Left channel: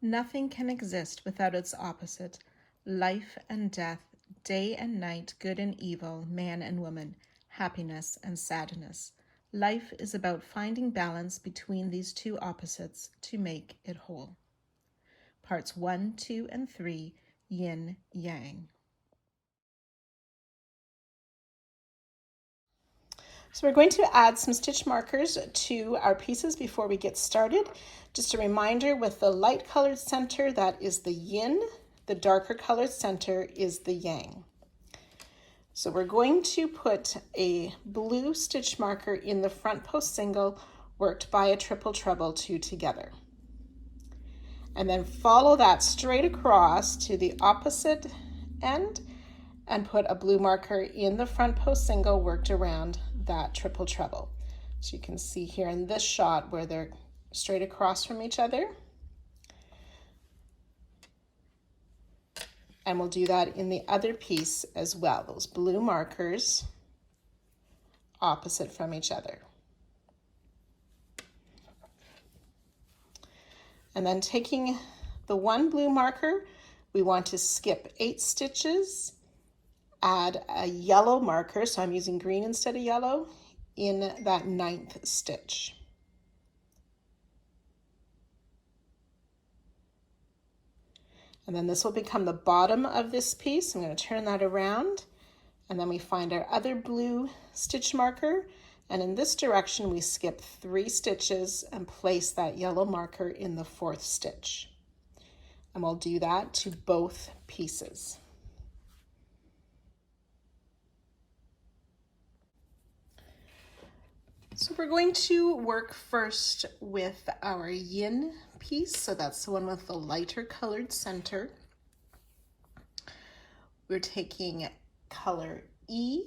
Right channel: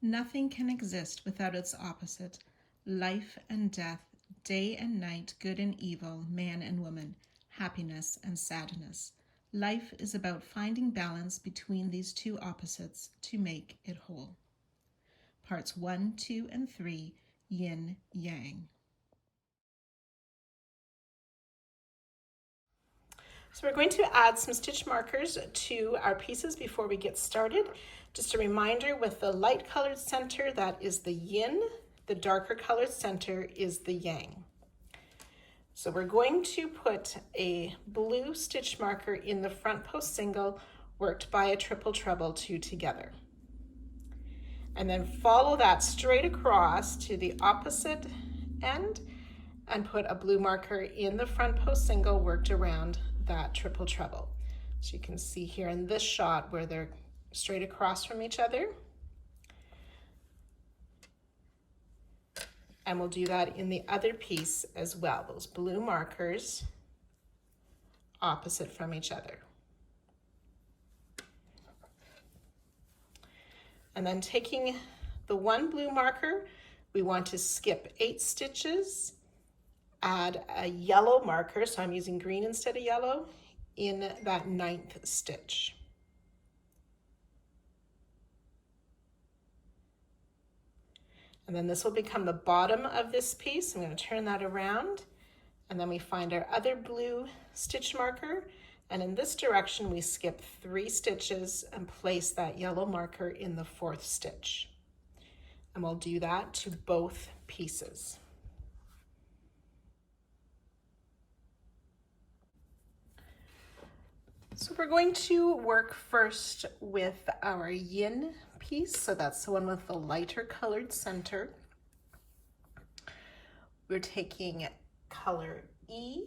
Nothing can exist without its opposite. Life and death, day and night, good and evil, man and woman, happiness and sadness. Life is about finding balance between these two opposites to make it whole. Parts 1, 2, and 3, Yin Yang. So we're going to add some stitch markers to our pieces before we get started. Just a reminder, with the light colored center, that is the yin. The darker colored center is the yang. So we're going to put a blue stitch marker in the front post single worked by a triple treble 2 together. And then follow that straight across to the opposite end and put a blue marker in the front post single worked around that triple treble. So you can see here in this shot where they're straight across from each other. And we'll do that in the other piece as well, those blue markers opposite from each other. And then taking the one blue marker, we want to skip 8 stitches, add a yellow marker, so I'm using green instead of yellow, in that 9th stitch. And then this will become the bottom of this piece. I'm going to turn that around, and then we find our other blue stitch marker, and in this direction we skip 3 stitches and place that yellow marker in the 4th stitch. And we'll do that to both pieces. So we're going to work first with our yin piece. So that's the one with the lighter colored center. We're taking color E,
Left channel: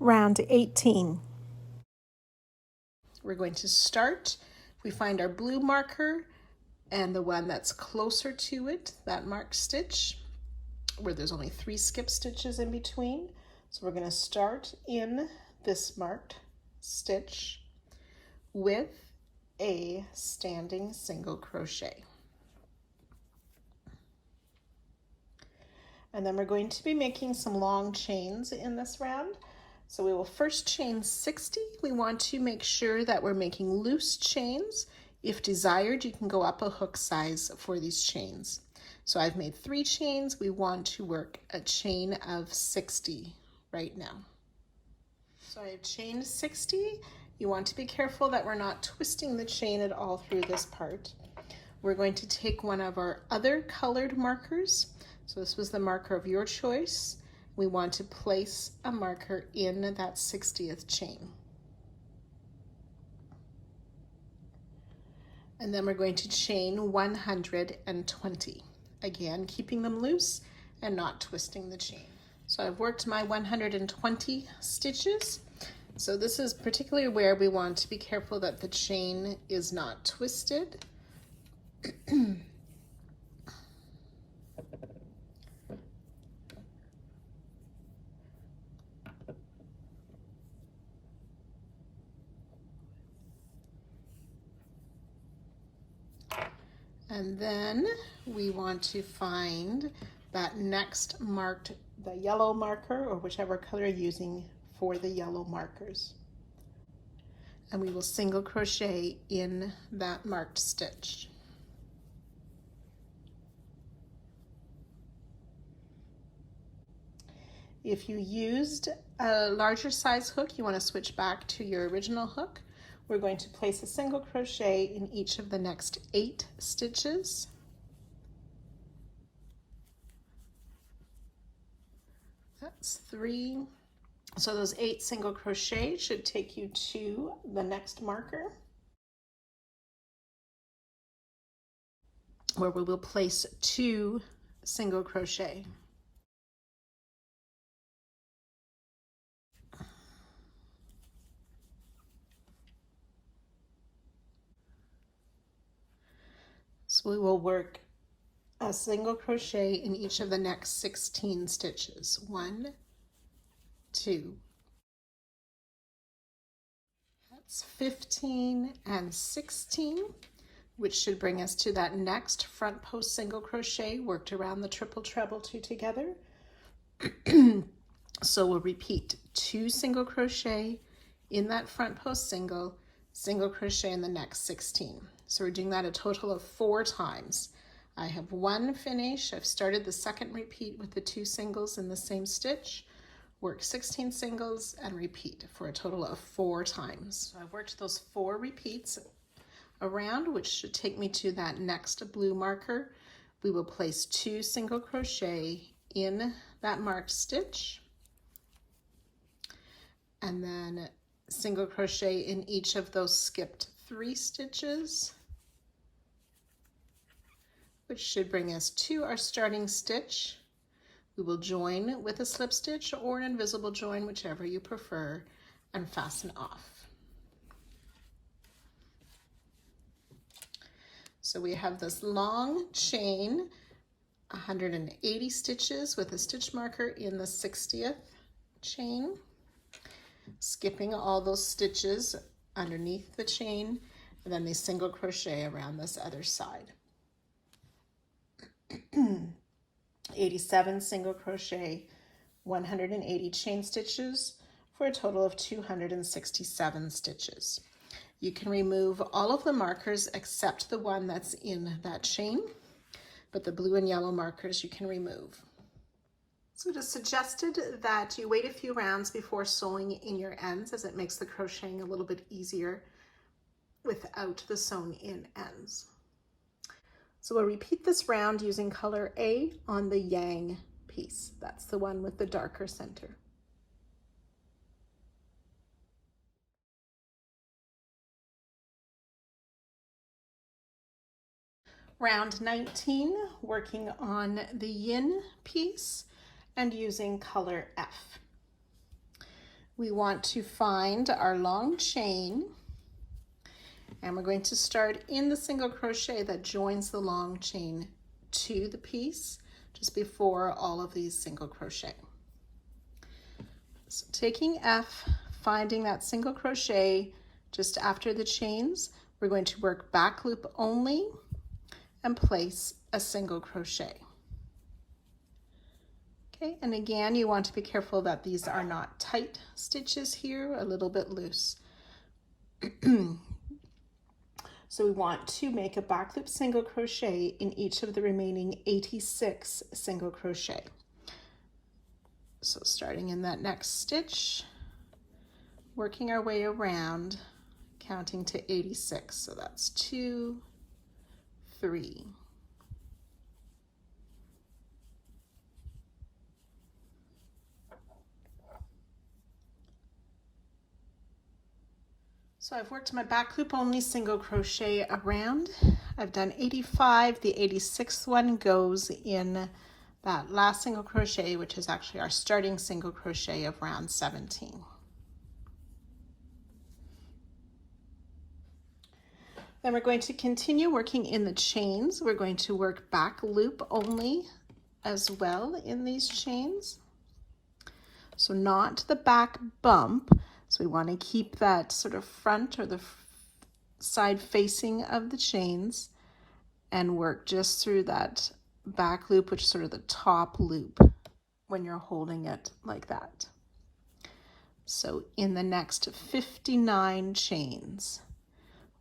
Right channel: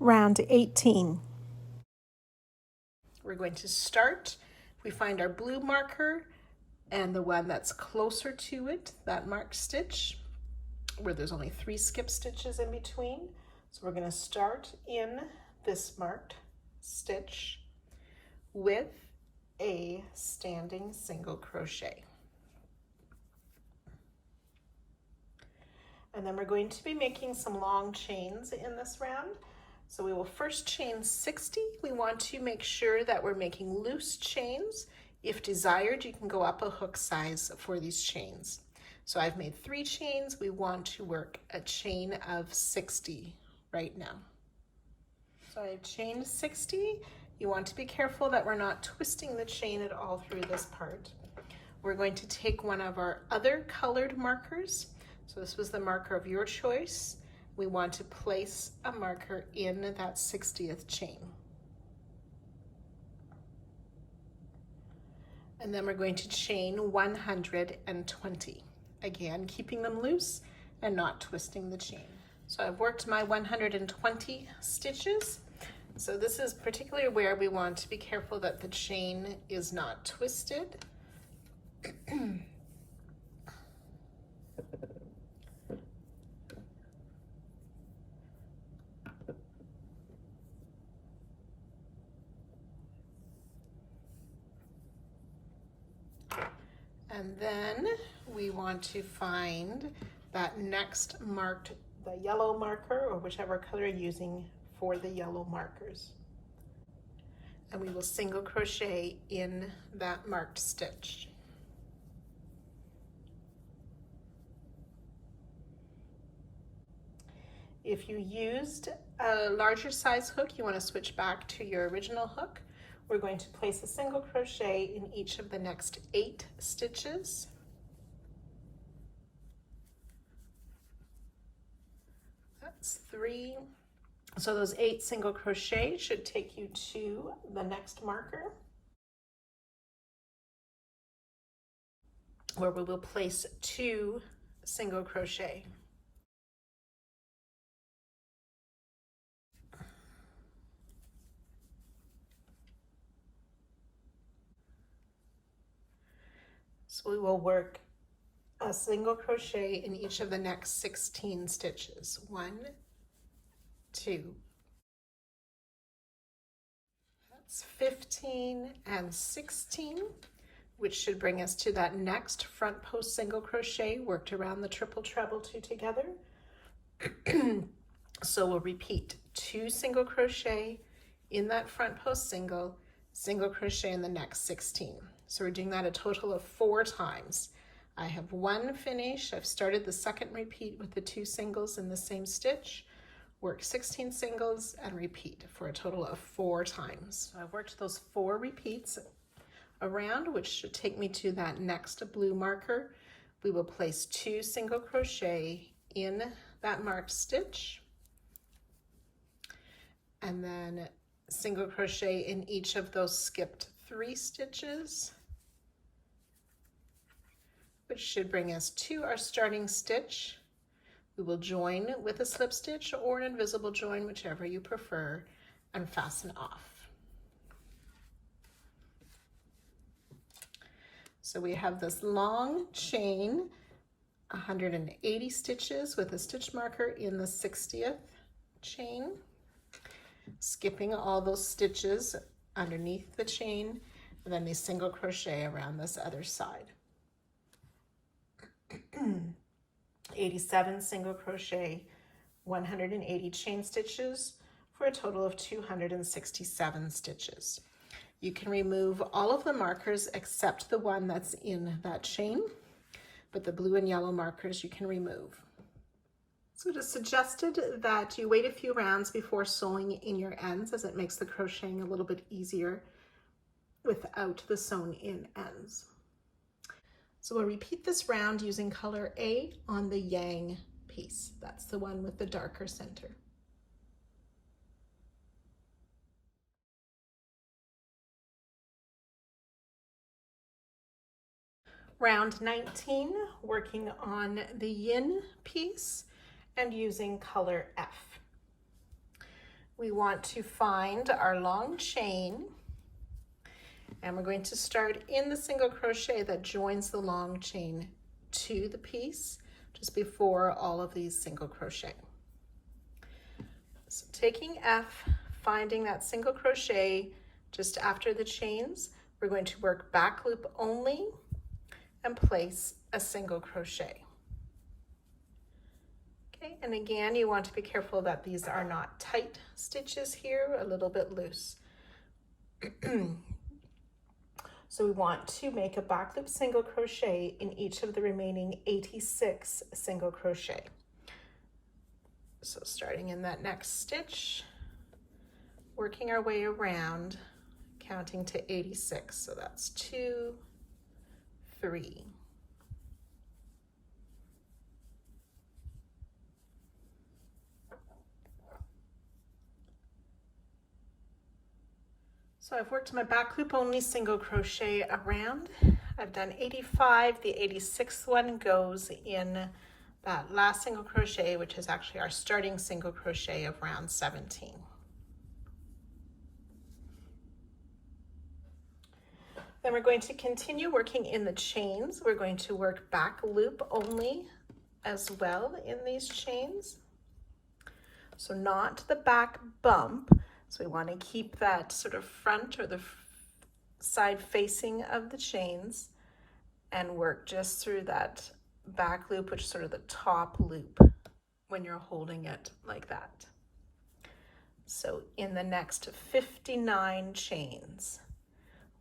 round 18. We're going to start. We find our blue marker and the one that's closer to it, that marked stitch, where there's only 3 skip stitches in between. So we're going to start in this marked stitch with a standing single crochet. And then we're going to be making some long chains in this round. So we will first chain 60. We want to make sure that we're making loose chains. If desired, you can go up a hook size for these chains. So I've made 3 chains. We want to work a chain of 60 right now. So I've chained 60. You want to be careful that we're not twisting the chain at all through this part. We're going to take one of our other colored markers. So this was the marker of your choice. We want to place a marker in that 60th chain. And then we're going to chain 120. Again, keeping them loose and not twisting the chain. So I've worked my 120 stitches. So this is particularly where we want to be careful that the chain is not twisted. And then we want to find that next marked, the yellow marker, or whichever color you're using for the yellow markers. And we will single crochet in that marked stitch. If you used a larger size hook, you want to switch back to your original hook. We're going to place a single crochet in each of the next 8 stitches. That's 3. So those 8 single crochet should take you to the next marker, where we will place 2 single crochet. So we will work a single crochet in each of the next 16 stitches. 1, 2, that's 15 and 16. which should bring us to that next front post single crochet worked around the triple treble 2 together. So we'll repeat 2 single crochet in that front post single, single crochet in the next 16. So we're doing that a total of 4 times. I have 1 finish. I've started the second repeat with the 2 singles in the same stitch, work 16 singles and repeat for a total of 4 times. So I've worked those 4 repeats around, which should take me to that next blue marker. We will place 2 single crochet in that marked stitch, and then single crochet in each of those skipped 3 stitches, which should bring us to our starting stitch. We will join with a slip stitch or an invisible join, whichever you prefer, and fasten off. So we have this long chain, 180 stitches with a stitch marker in the 60th chain, skipping all those stitches underneath the chain, and then the single crochet around this other side. 87 single crochet, 180 chain stitches for a total of 267 stitches. You can remove all of the markers except the one that's in that chain, but the blue and yellow markers you can remove. So it is suggested that you wait a few rounds before sewing in your ends, as it makes the crocheting a little bit easier without the sewn in ends. So we'll repeat this round using color A on the yang piece. That's the one with the darker center. Round 19, working on the yin piece and using color F. We want to find our long chain, and we're going to start in the single crochet that joins the long chain to the piece just before all of these single crochet. So taking F, finding that single crochet just after the chains, we're going to work back loop only and place a single crochet. Okay, and again, you want to be careful that these are not tight stitches here, a little bit loose. So we want to make a back loop single crochet in each of the remaining 86 single crochet. So starting in that next stitch, working our way around, counting to 86. So that's 2, 3. So I've worked my back loop only single crochet around. I've done 85. The 86th one goes in that last single crochet, which is actually our starting single crochet of round 17. Then we're going to continue working in the chains. We're going to work back loop only as well in these chains. So not the back bump. So we want to keep that sort of front or the side facing of the chains and work just through that back loop, which is sort of the top loop when you're holding it like that. So in the next 59 chains,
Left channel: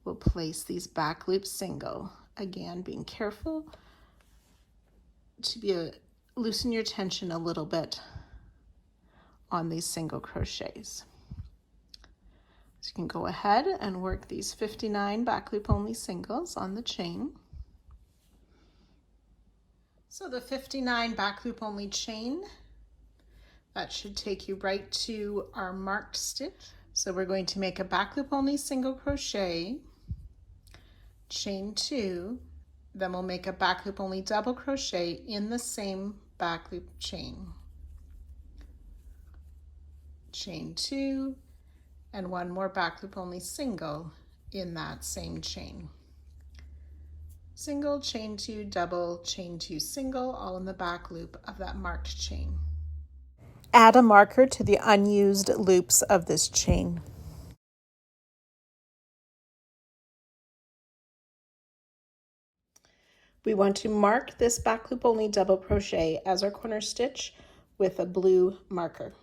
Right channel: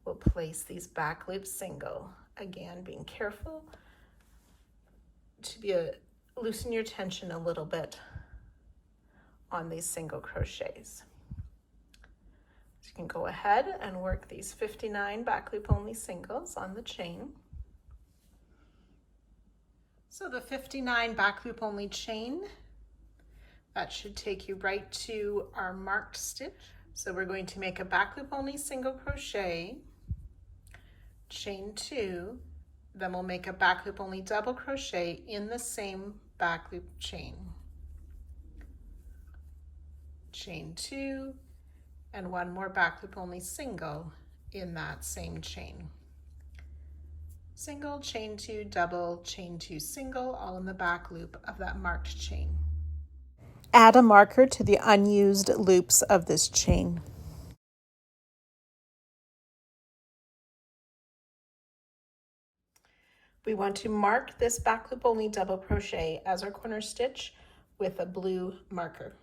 we'll place these back loop single. Again, being careful to loosen your tension a little bit on these single crochets. So you can go ahead and work these 59 back loop only singles on the chain. So the 59 back loop only chain, that should take you right to our marked stitch. So we're going to make a back loop only single crochet, chain 2, then we'll make a back loop only double crochet in the same back loop chain. Chain 2, and one more back loop only single in that same chain. Single, chain 2, double, chain 2, single, all in the back loop of that marked chain. Add a marker to the unused loops of this chain. We want to mark this back loop only double crochet as our corner stitch with a blue marker.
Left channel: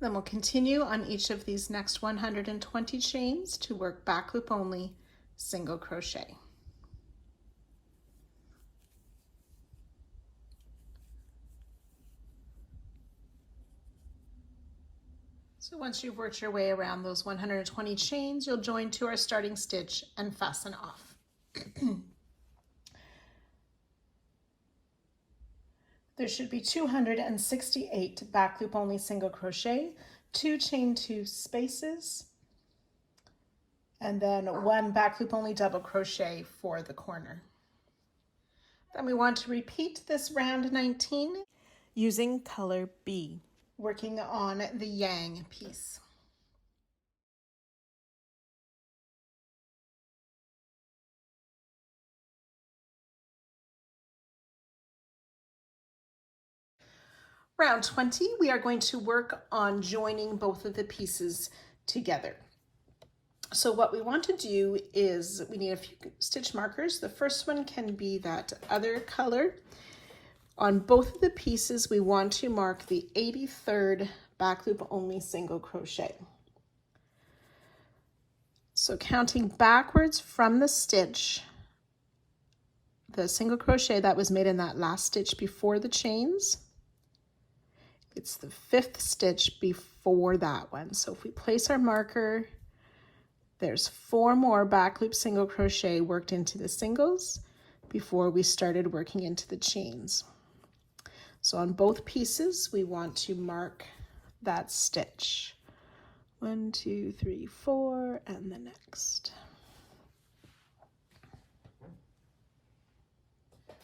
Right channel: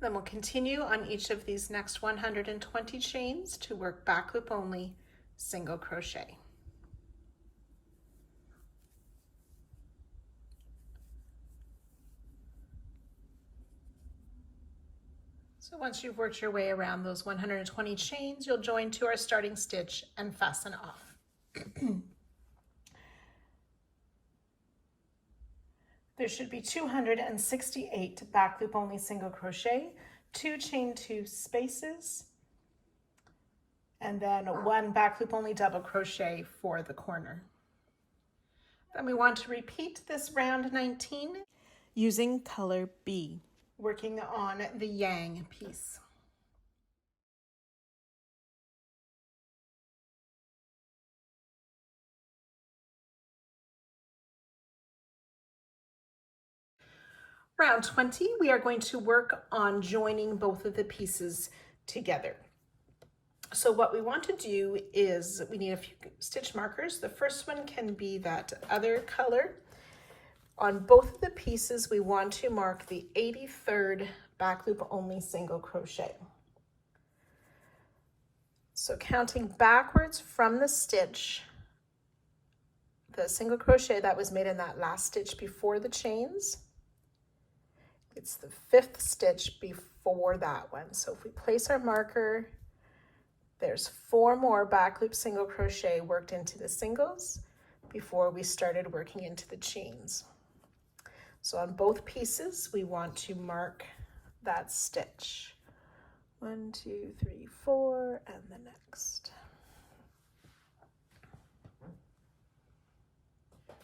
Then we'll continue on each of these next 120 chains to work back loop only single crochet. So once you've worked your way around those 120 chains, you'll join to our starting stitch and fasten off. There should be 268 back loop only single crochet, 2 chain 2 spaces, and then 1 back loop only double crochet for the corner. Then we want to repeat this round 19 using color B, working on the yang piece. Round 20, we are going to work on joining both of the pieces together. So what we want to do is we need a few stitch markers. The first one can be that other color. On both of the pieces, we want to mark the 83rd back loop only single crochet. So counting backwards from the stitch, the single crochet that was made in that last stitch before the chains, it's the 5th stitch before that one. So if we place our marker, there's 4 more back loop single crochet worked into the singles before we started working into the chains. So on both pieces, we want to mark that stitch. 1, 2, 3, 4, and the next.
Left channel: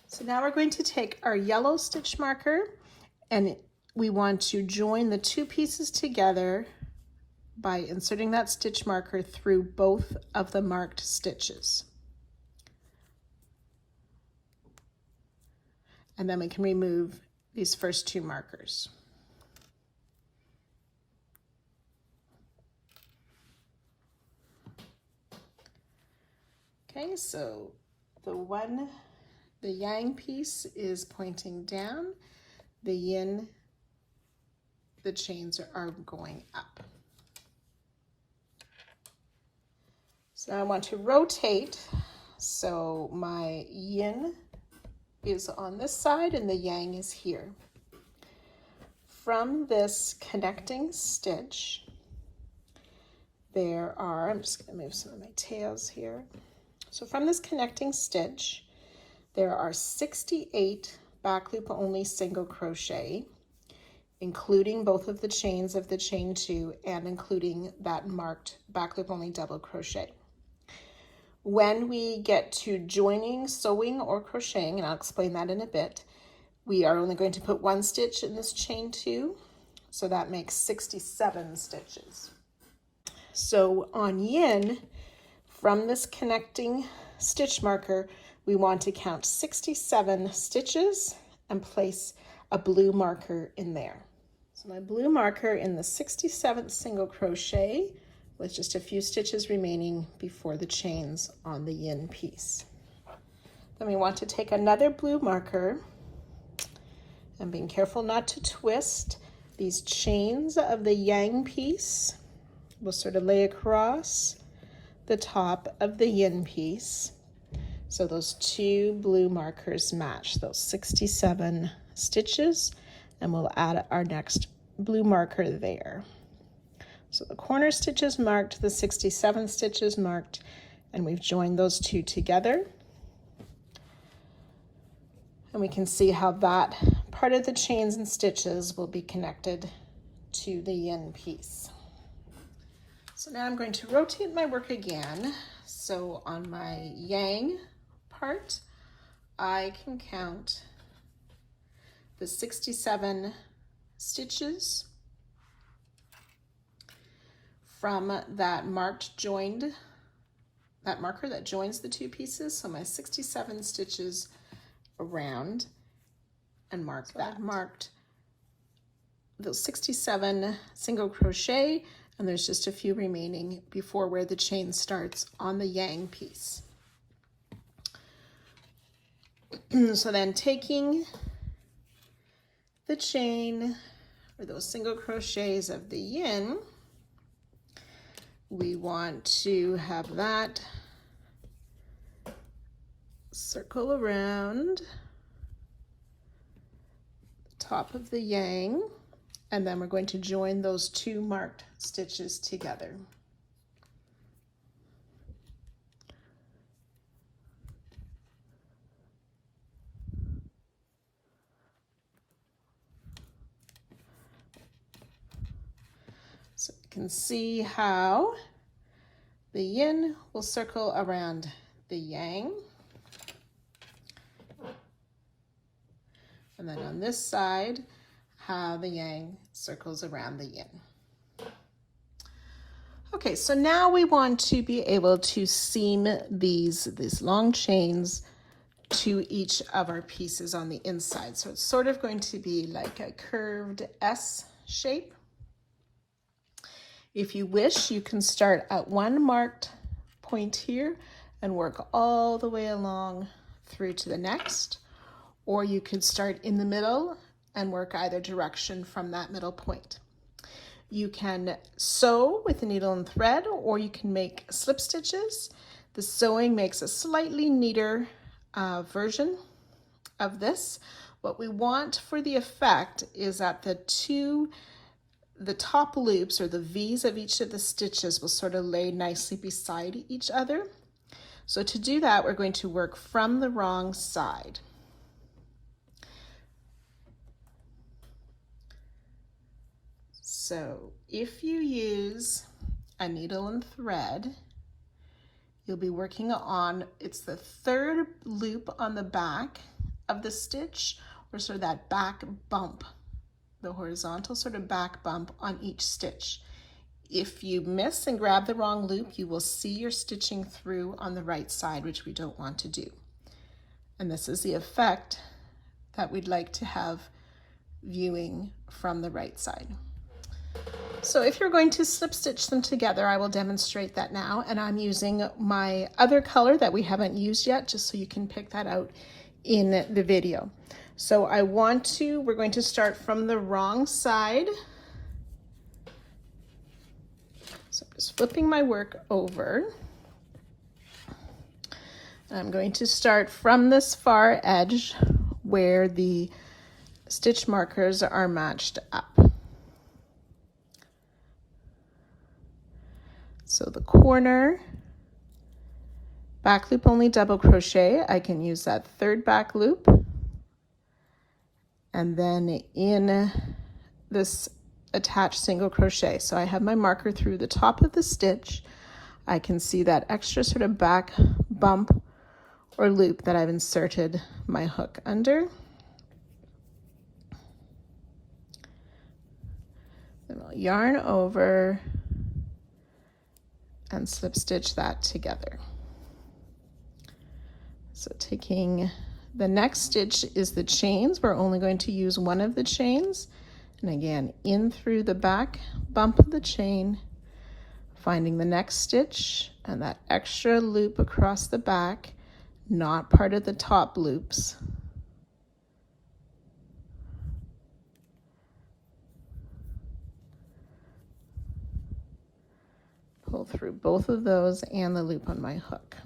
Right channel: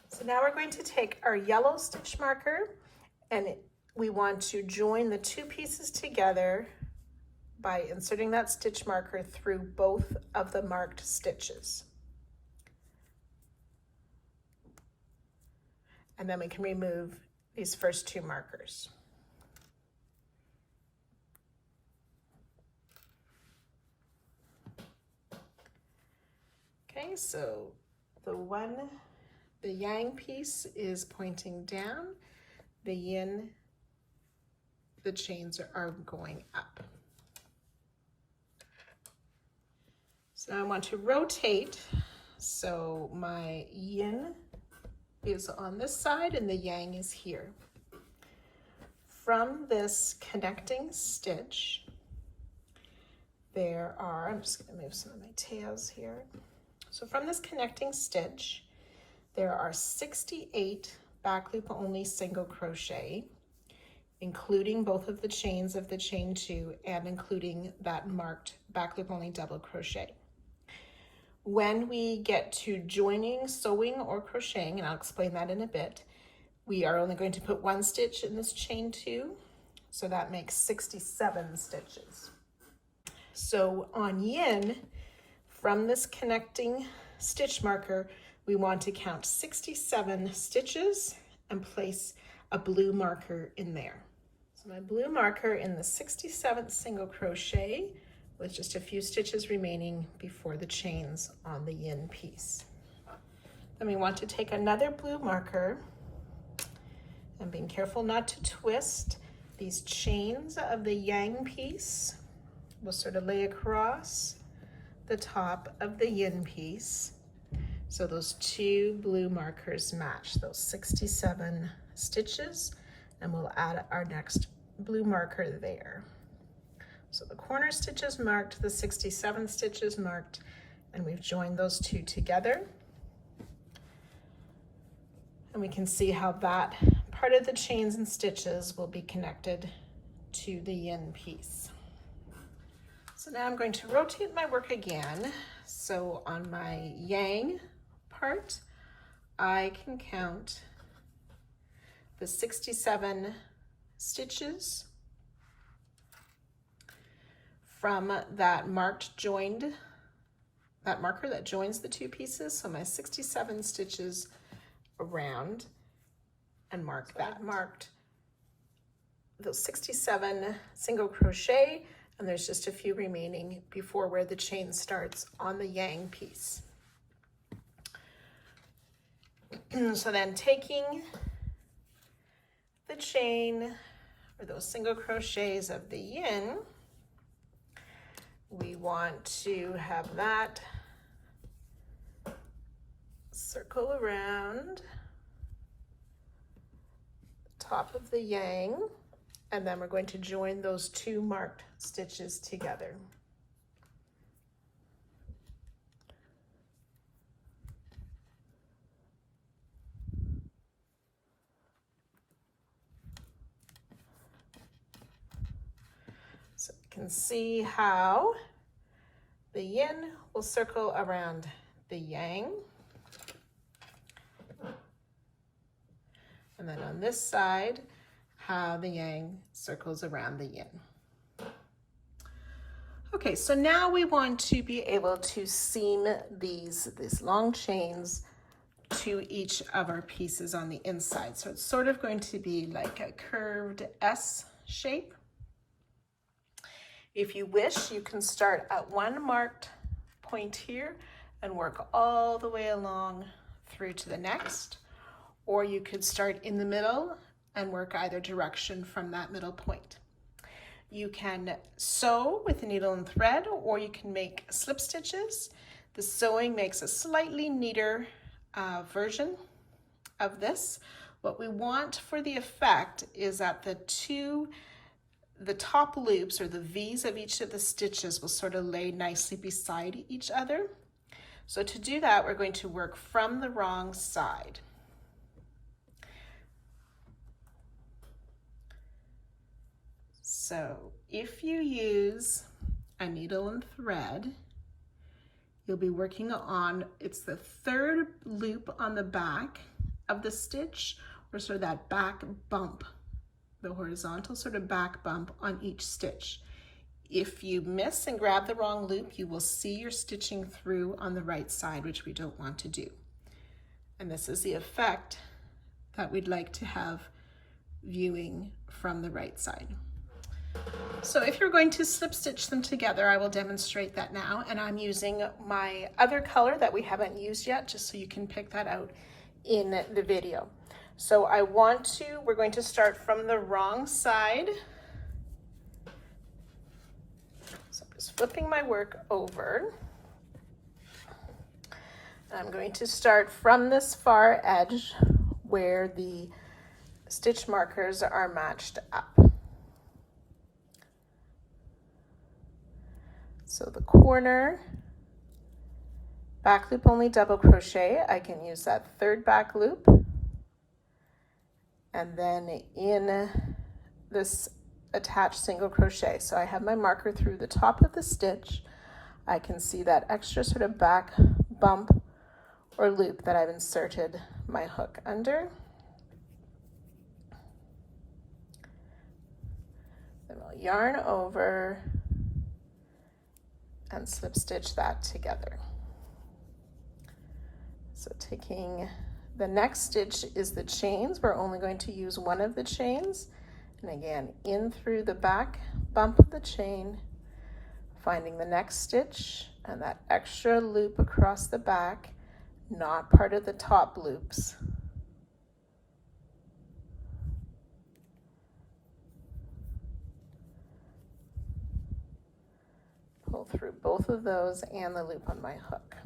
So now we're going to take our yellow stitch marker and we want to join the 2 pieces together by inserting that stitch marker through both of the marked stitches. And then we can remove these first 2 markers. Okay, so the yang piece is pointing down, the yin, the chains are going up. So I want to rotate, so my yin is on this side and the yang is here. From this connecting stitch, there are, I'm just going to move some of my tails here. So from this connecting stitch, there are 68 back loop only single crochet, including both of the chains of the chain 2 and including that marked back loop only double crochet. When we get to joining, sewing, or crocheting, and I'll explain that in a bit, we are only going to put 1 stitch in this chain 2, so that makes 67 stitches. So on yin, from this connecting stitch marker, we want to count 67 stitches and place a blue marker in there. So my blue marker in the 67th single crochet with just a few stitches remaining before the chains on the yin piece. Then we want to take another blue marker and being careful not to twist, these chains of the yang piece will sort of lay across the top of the yin piece. So those 2 blue markers match those 67 stitches, and we'll add our next blue marker there. So the corner stitches marked, the 67 stitches marked, and we've joined those 2 together. And we can see how that part of the chains and stitches will be connected to the yin piece. So now I'm going to rotate my work again. So on my yang part, I can count the 67 stitches from that marker that joins the 2 pieces. So my 67 stitches around, and mark that. I've marked those 67 single crochet, And there's just a few remaining before where the chain starts on the yang piece. So then taking the chain or those single crochets of the yin, we want to have that circle around the top of the yang, and then we're going to join those two marked stitches together. So you can see how the yin will circle around the yang. And then on this side, how the yang circles around the yin. Okay, so now we want to be able to seam these long chains to each of our pieces on the inside. So it's sort of going to be like a curved S shape. If you wish, you can start at one marked point here and work all the way along through to the next, or you could start in the middle and work either direction from that middle point. You can sew with a needle and thread, or you can make slip stitches. The sewing makes a slightly neater version of this. What we want for the effect is that the top loops or the V's of each of the stitches will sort of lay nicely beside each other. So to do that, we're going to work from the wrong side. So if you use a needle and thread, you'll be working on, it's the third loop on the back of the stitch, or sort of that back bump, the horizontal sort of back bump on each stitch. If you miss and grab the wrong loop, you will see you're stitching through on the right side, which we don't want to do. And this is the effect that we'd like to have viewing from the right side. So if you're going to slip stitch them together, I will demonstrate that now, and I'm using my other color that we haven't used yet, just so you can pick that out in the video. So we're going to start from the wrong side. So I'm just flipping my work over. And I'm going to start from this far edge where the stitch markers are matched up. So the corner, back loop only double crochet, I can use that third back loop. And then in this attached single crochet. So I have my marker through the top of the stitch. I can see that extra sort of back bump or loop that I've inserted my hook under. Then I'll yarn over and slip stitch that together. So taking the next stitch is the chains. We're only going to use one of the chains. And again, in through the back bump of the chain, finding the next stitch and that extra loop across the back, not part of the top loops. Pull through both of those and the loop on my hook.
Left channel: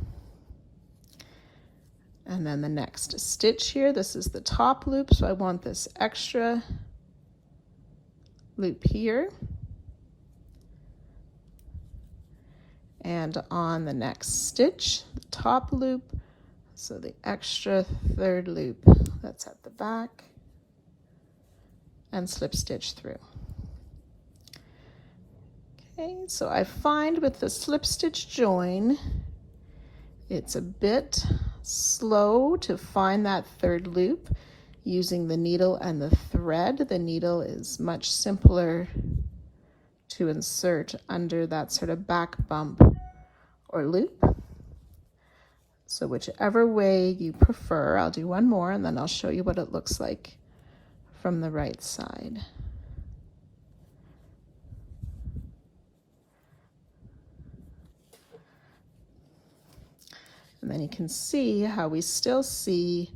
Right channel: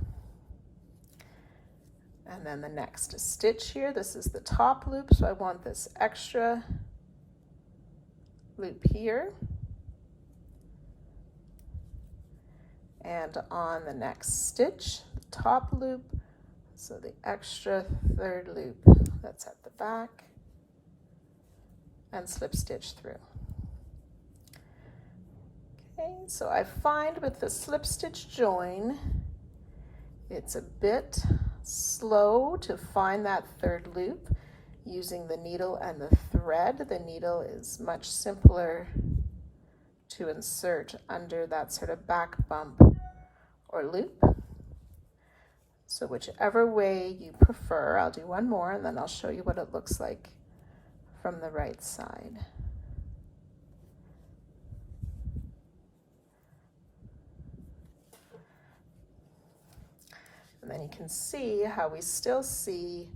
And then the next stitch here, this is the top loop, so I want this extra loop here. And on the next stitch, the top loop, so the extra third loop that's at the back, and slip stitch through. Okay, so I find with the slip stitch join, it's a bit slow to find that third loop using the needle and the thread. The needle is much simpler to insert under that sort of back bump or loop. So whichever way you prefer, I'll do one more and then I'll show you what it looks like from the right side. And then you can see how we still see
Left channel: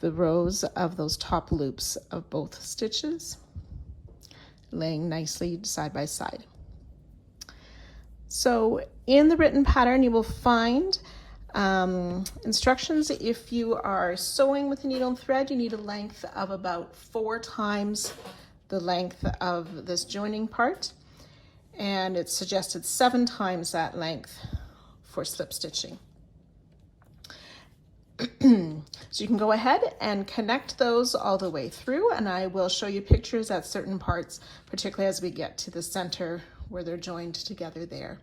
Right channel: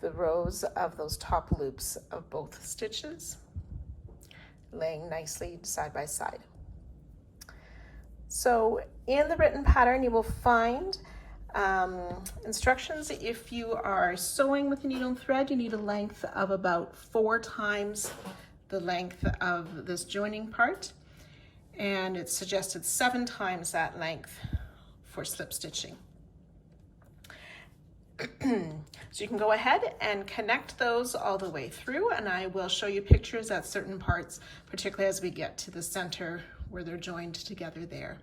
the rows of those top loops of both stitches laying nicely side by side. So in the written pattern you will find instructions. If you are sewing with a needle and thread, you need a length of about 4 times the length of this joining part, and it's suggested 7 times that length for slip stitching. So you can go ahead and connect those all the way through, and I will show you pictures at certain parts, particularly as we get to the center where they're joined together there,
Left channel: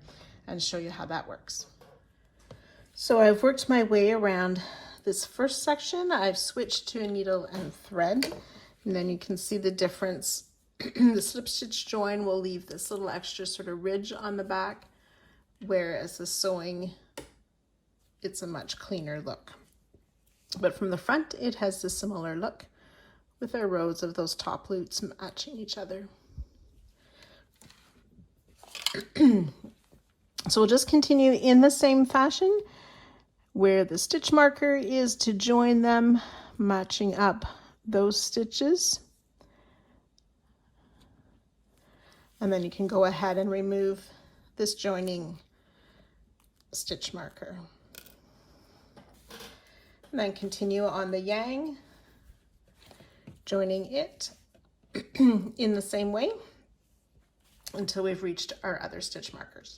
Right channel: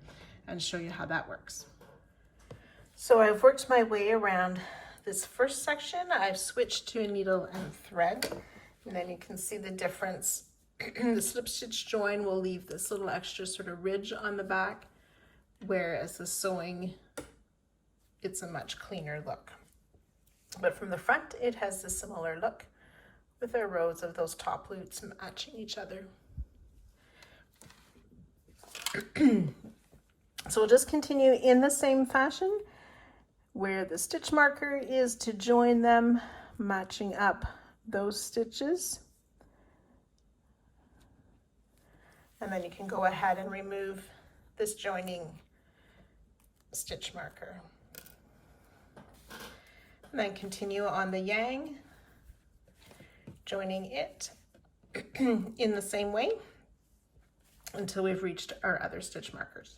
and show you how that works. So I've worked my way around this first section. I've switched to a needle and thread, and then you can see the difference. The slip stitch join will leave this little extra sort of ridge on the back, whereas the sewing, it's a much cleaner look. But from the front, it has a similar look with our rows of those top loops matching each other. So we'll just continue in the same fashion, where the stitch marker is to join them, matching up those stitches. And then you can go ahead and remove this joining stitch marker. And then continue on the yang, joining it in the same way until we've reached our other stitch markers.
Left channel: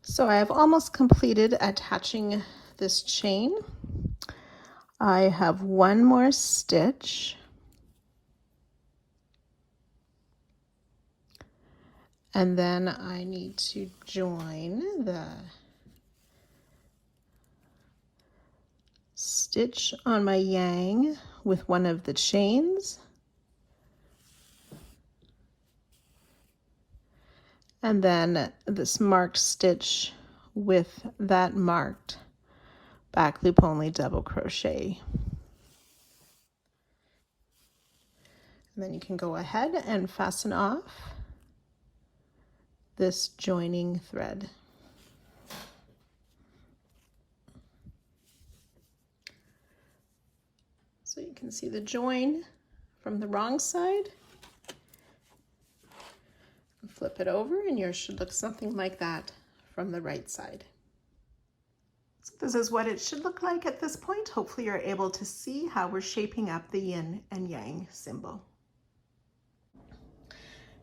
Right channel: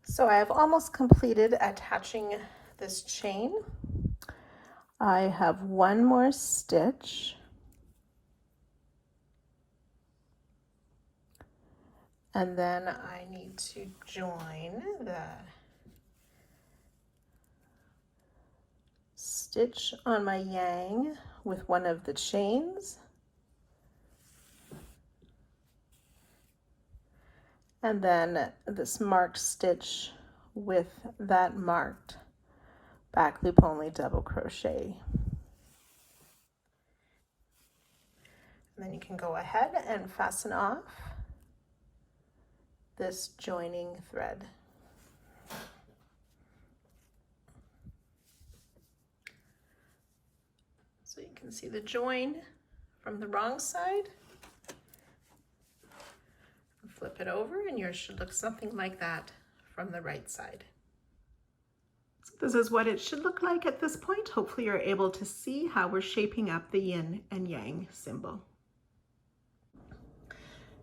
So I have almost completed attaching this chain. I have one more stitch, and then I need to join the stitch on my yang with one of the chains, and then this marked stitch with that marked back loop only double crochet. And then you can go ahead and fasten off this joining thread. So you can see the join from the wrong side. Flip it over and yours should look something like that from the right side. So this is what it should look like at this point. Hopefully you're able to see how we're shaping up the yin and yang symbol.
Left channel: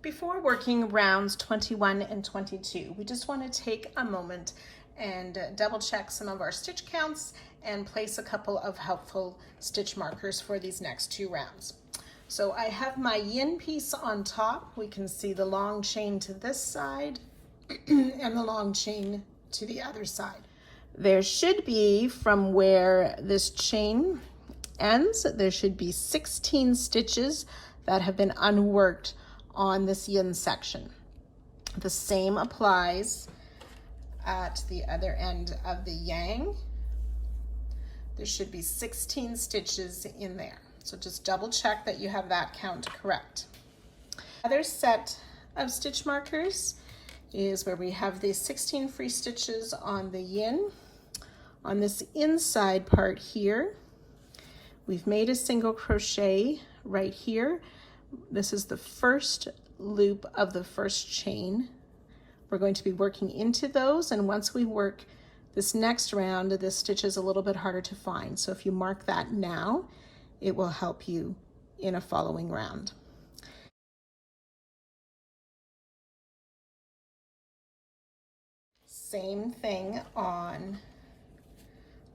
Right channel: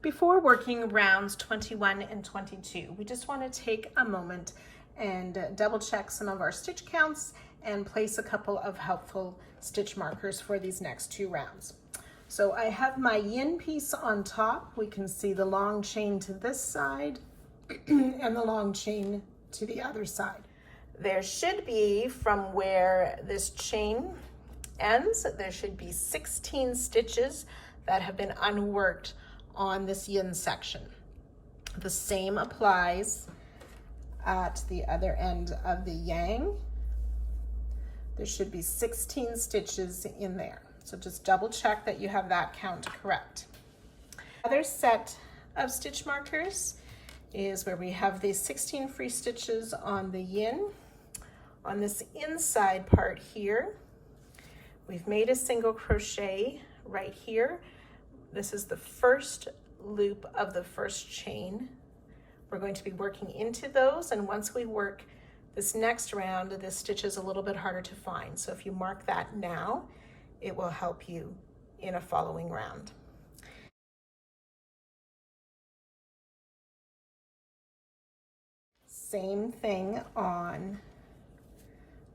Before working rounds 21 and 22, we just want to take a moment and double check some of our stitch counts and place a couple of helpful stitch markers for these next 2 rounds. So I have my yin piece on top. We can see the long chain to this side and the long chain to the other side. There should be, from where this chain ends, there should be 16 stitches that have been unworked on this yin section. The same applies at the other end of the yang. There should be 16 stitches in there. So just double check that you have that count correct. Other set of stitch markers is where we have these 16 free stitches on the yin. On this inside part here, we've made a single crochet right here. This is the first loop of the first chain. We're going to be working into those, and once we work this next round, this stitch is a little bit harder to find. So if you mark that now, it will help you in a following round. Same thing on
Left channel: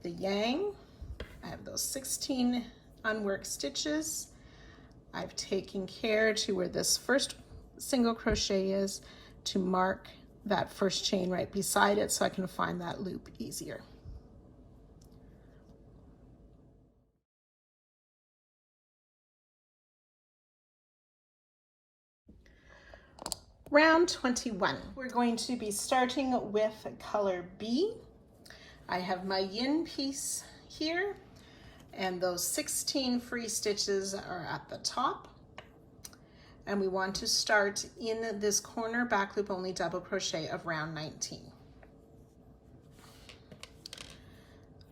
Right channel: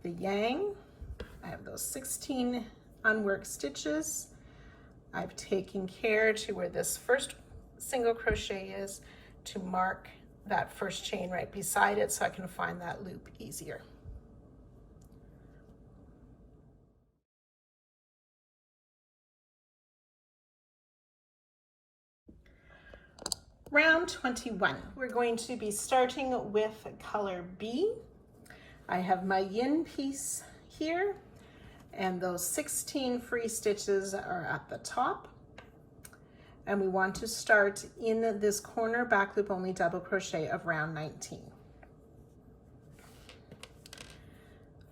the yang. I have those 16 unworked stitches. I've taken care to where this first single crochet is to mark that first chain right beside it so I can find that loop easier. Round 21, we're going to be starting with color B. I have my yin piece here, and those 16 free stitches are at the top. And we want to start in this corner back loop only double crochet of round 19.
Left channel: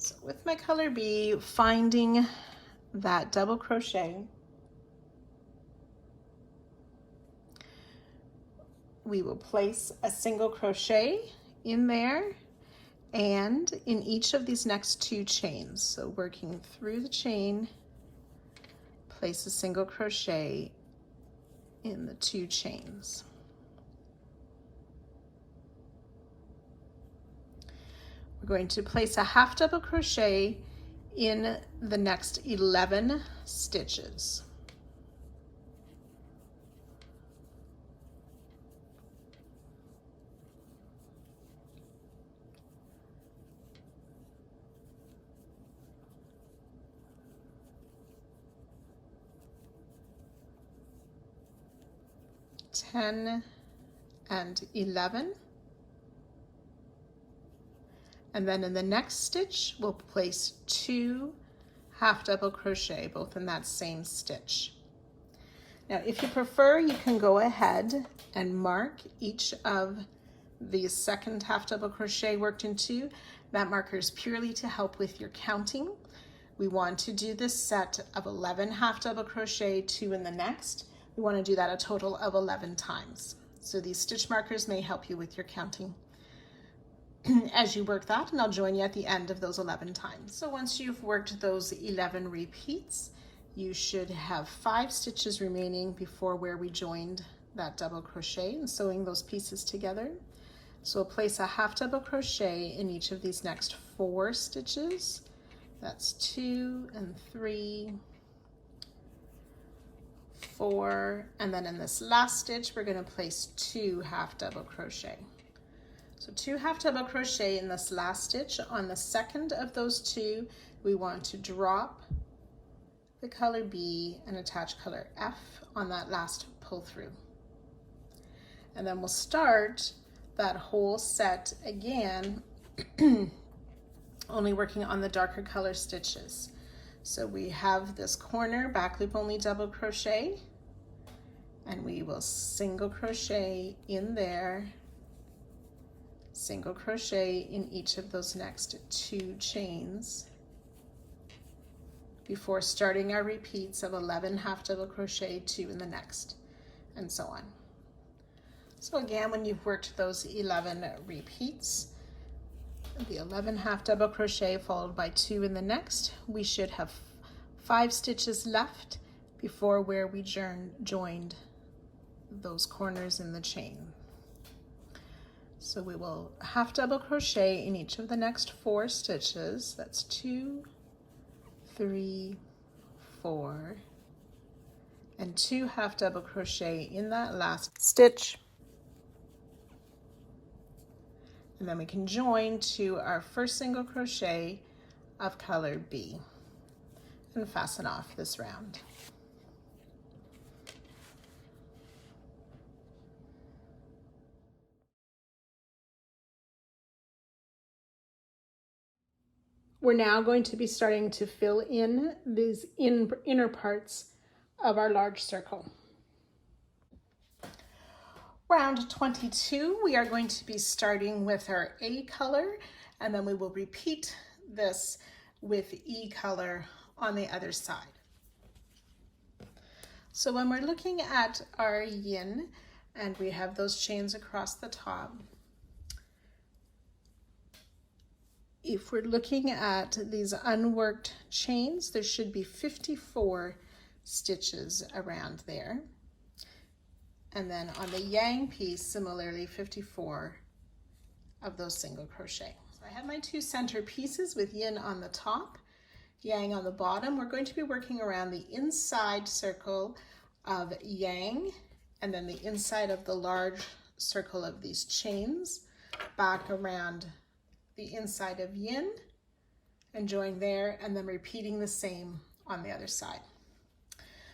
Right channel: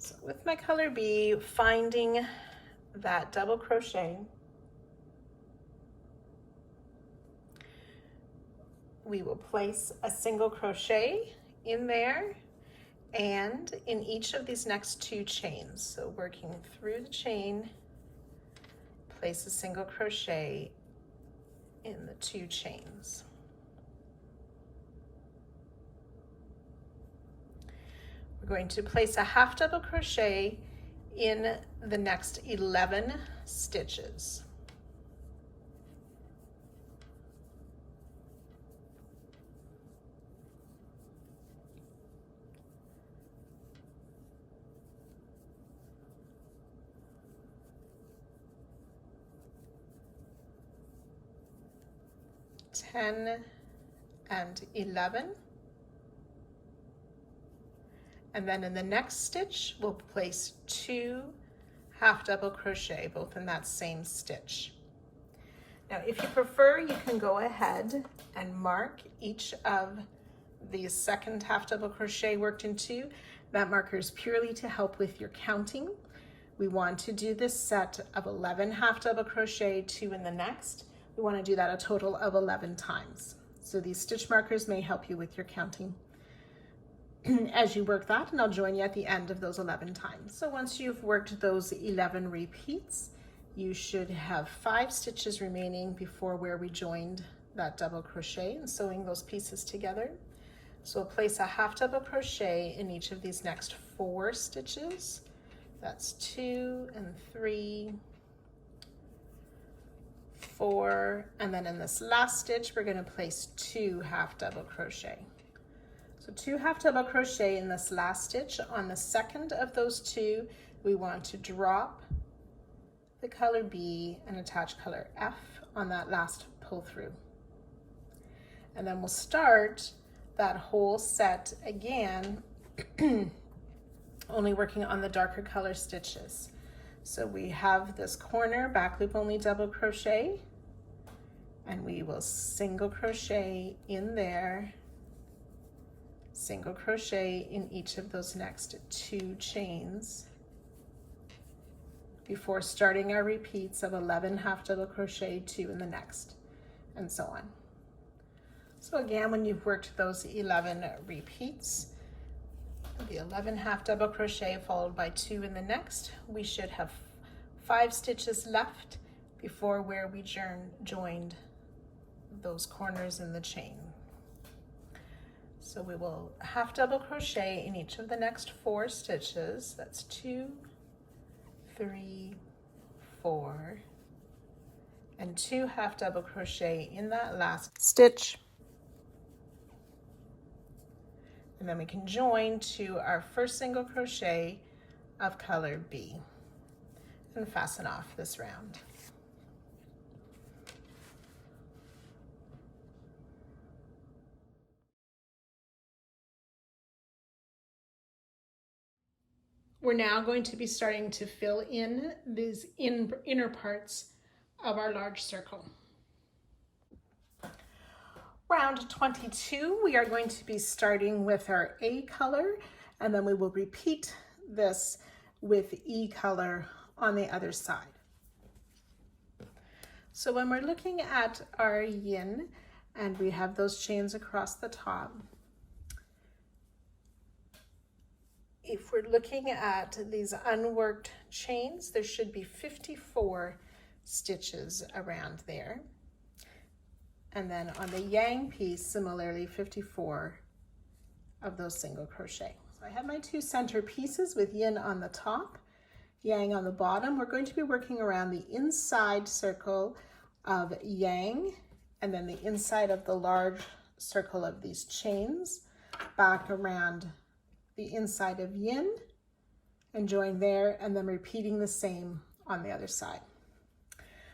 So with my color B, finding that double crochet, we will place a single crochet in there and in each of these next 2 chains. So working through the chain, place a single crochet in the 2 chains. We're going to place a half double crochet in the next 11 stitches. Ten and 11, and then in the next stitch we'll place 2 half double crochet, both in that same stitch. Now if you prefer, you can go ahead and mark each of the second half double crochet worked in 2. That marker is purely to help with your counting. We want to do this set of 11 half double crochet, 2 in the next. We want to do that a total of 11 times. So these stitch markers may help you with your counting as you work that, and I'll join you at the end of those 11 times. So once you've worked those 11 repeats, you should have 5 stitches remaining before where we joined that double crochet and sewing those pieces together. So we'll place a half double crochet in each of these next 4 stitches. That's 2 and 3, 4, and then in this last stitch we're going to place 2 half double crochet. So 2 half double crochet in this last stitch. On the second of those 2, we want to drop the color B and attach color F on that last pull through. And then we'll start that whole set again, only working on the darker color stitches. So we have this corner back loop only double crochet, and we will single crochet in there, single crochet in each of those next 2 chains before starting our repeats of 11 half double crochet, 2 in the next, and so on. So again, when you've worked those 11 repeats, the 11 half double crochet followed by 2 in the next, we should have 5 stitches left before where we joined those corners in the chain. So we will half double crochet in each of the next 4 stitches. That's 2, 3, 4, and 2 half double crochet in that last stitch. And then we can join to our first single crochet of color B and fasten off this round. We're now going to be starting to fill in these inner parts of our large circle. Round 22, we are going to be starting with our A color, and then we will repeat this with E color on the other side. So when we're looking at our yin and we have those chains across the top, if we're looking at these unworked chains, there should be 54 stitches around there. And then on the yang piece, similarly 54 of those single crochet. So I have my 2 center pieces with yin on the top, yang on the bottom. We're going to be working around the inside circle of yang and then the inside of the large circle of these chains, back around the inside of yin and join there, and then repeating the same on the other side.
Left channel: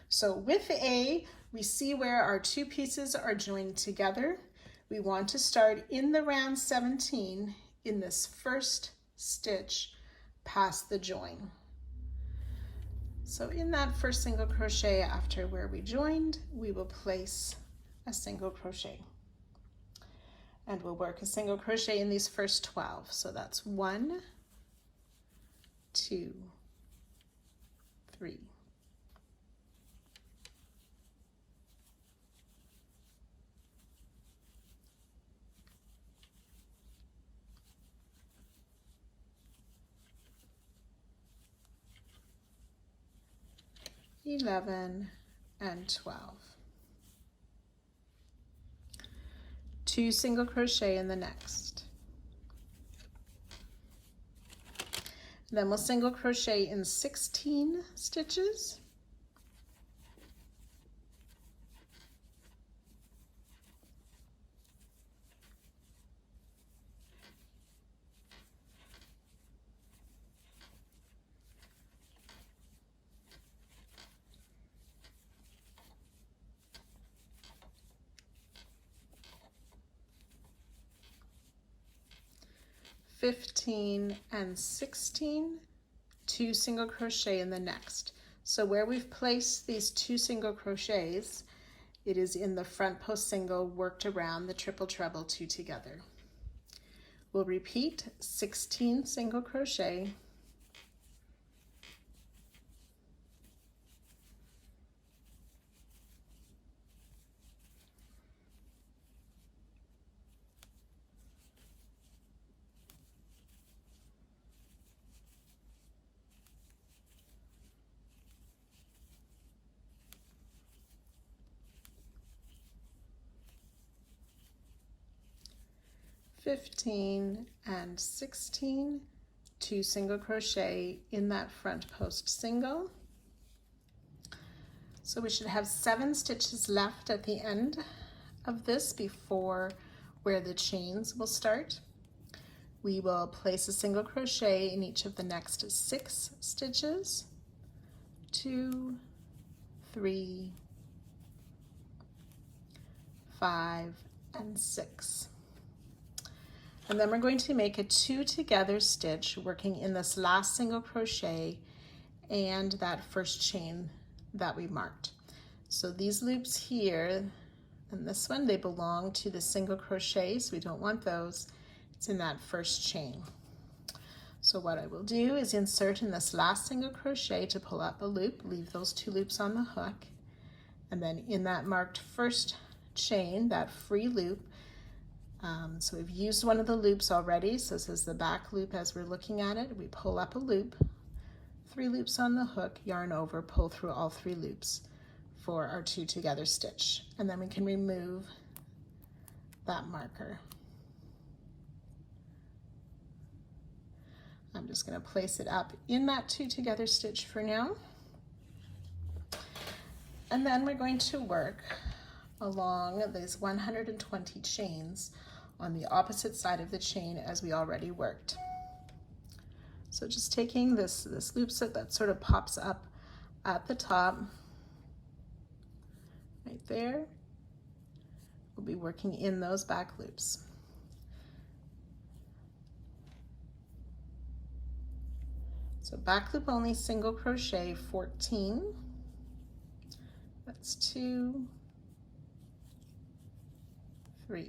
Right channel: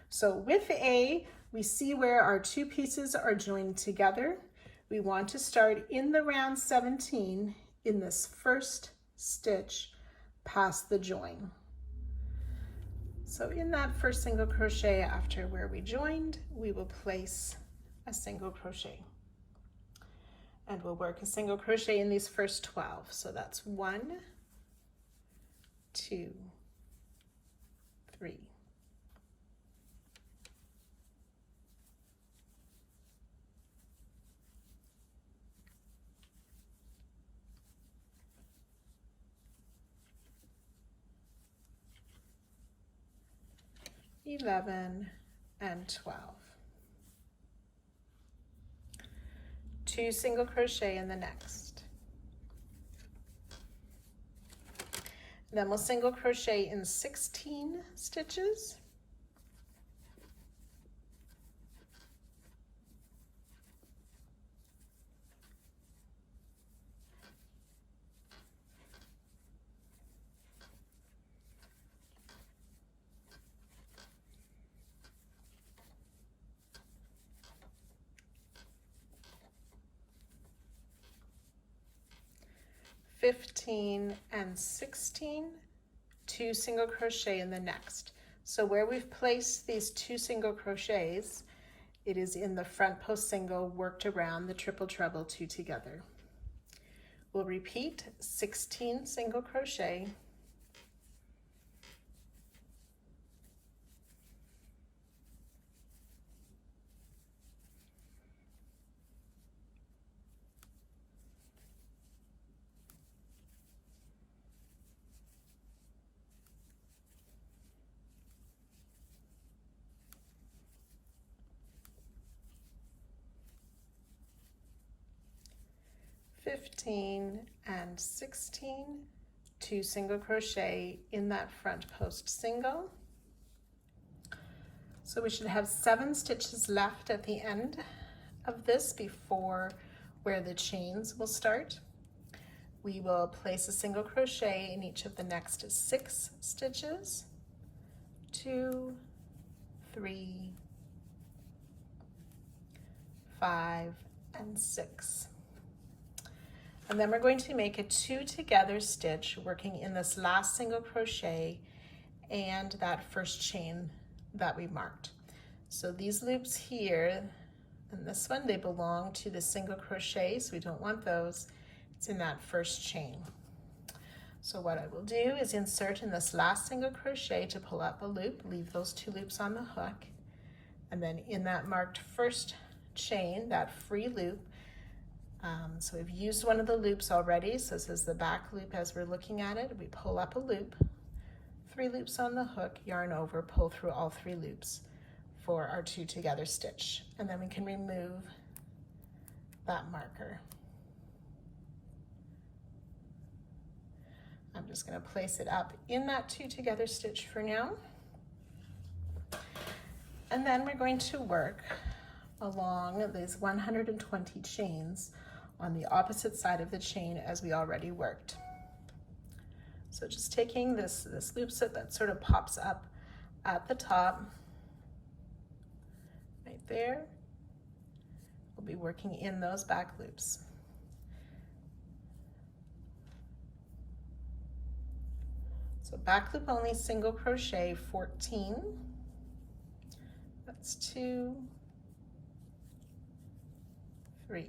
So with A, we see where our 2 pieces are joined together. We want to start in the round 17 in this first stitch past the join. So in that first single crochet after where we joined, we will place a single crochet. And we'll work a single crochet in these first 12. So that's 1, 2, 3. $11 and $12. 2 single crochet in the next. Then we'll single crochet in 16 stitches. $15 and $16, 2 single crochet in the next. So where we've placed these 2 single crochets, it is in the front post single worked around the triple treble 2 together. We'll repeat 16 single crochet, $15 and $16, 2 single crochet in that front post single. So we should have 7 stitches left at the end of this before where the chains will start. We will place a single crochet in each of the next 6 stitches. 2, 3, 5, and 6. And then we're going to make a 2 together stitch working in this last single crochet and that first chain that we marked. So these loops here and this one, they belong to the single crochet, so we don't want those. It's in that first chain. So what I will do is insert in this last single crochet to pull up a loop, leave those 2 loops on the hook, and then in that marked first chain, that free loop, so we've used one of the loops already, so this is the back loop as we're looking at it. We pull up a loop, 3 loops on the hook, yarn over, pull through all 3 loops for our 2 together stitch. And then we can remove that marker. I'm just going to place it up in that 2 together stitch for now. And then we're going to work along these 120 chains on the opposite side of the chain as we already worked. So just taking this loop set that sort of pops up at the top, right there, we'll be working in those back loops. So back loop only, single crochet 14, that's 2, 3,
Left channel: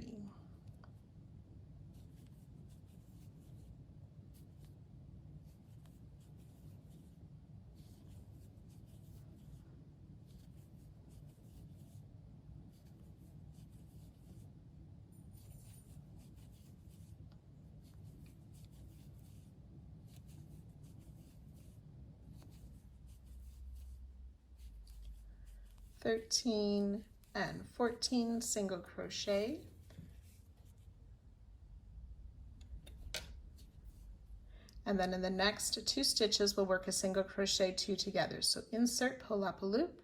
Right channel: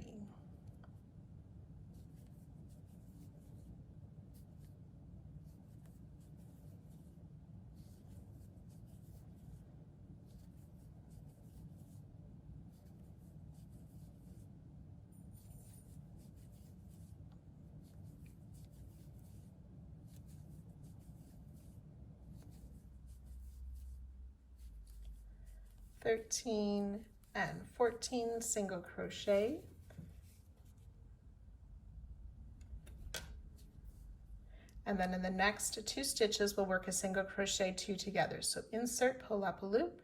13 and 14 single crochet, and then in the next 2 stitches we'll work a single crochet 2 together. So insert, pull up a loop,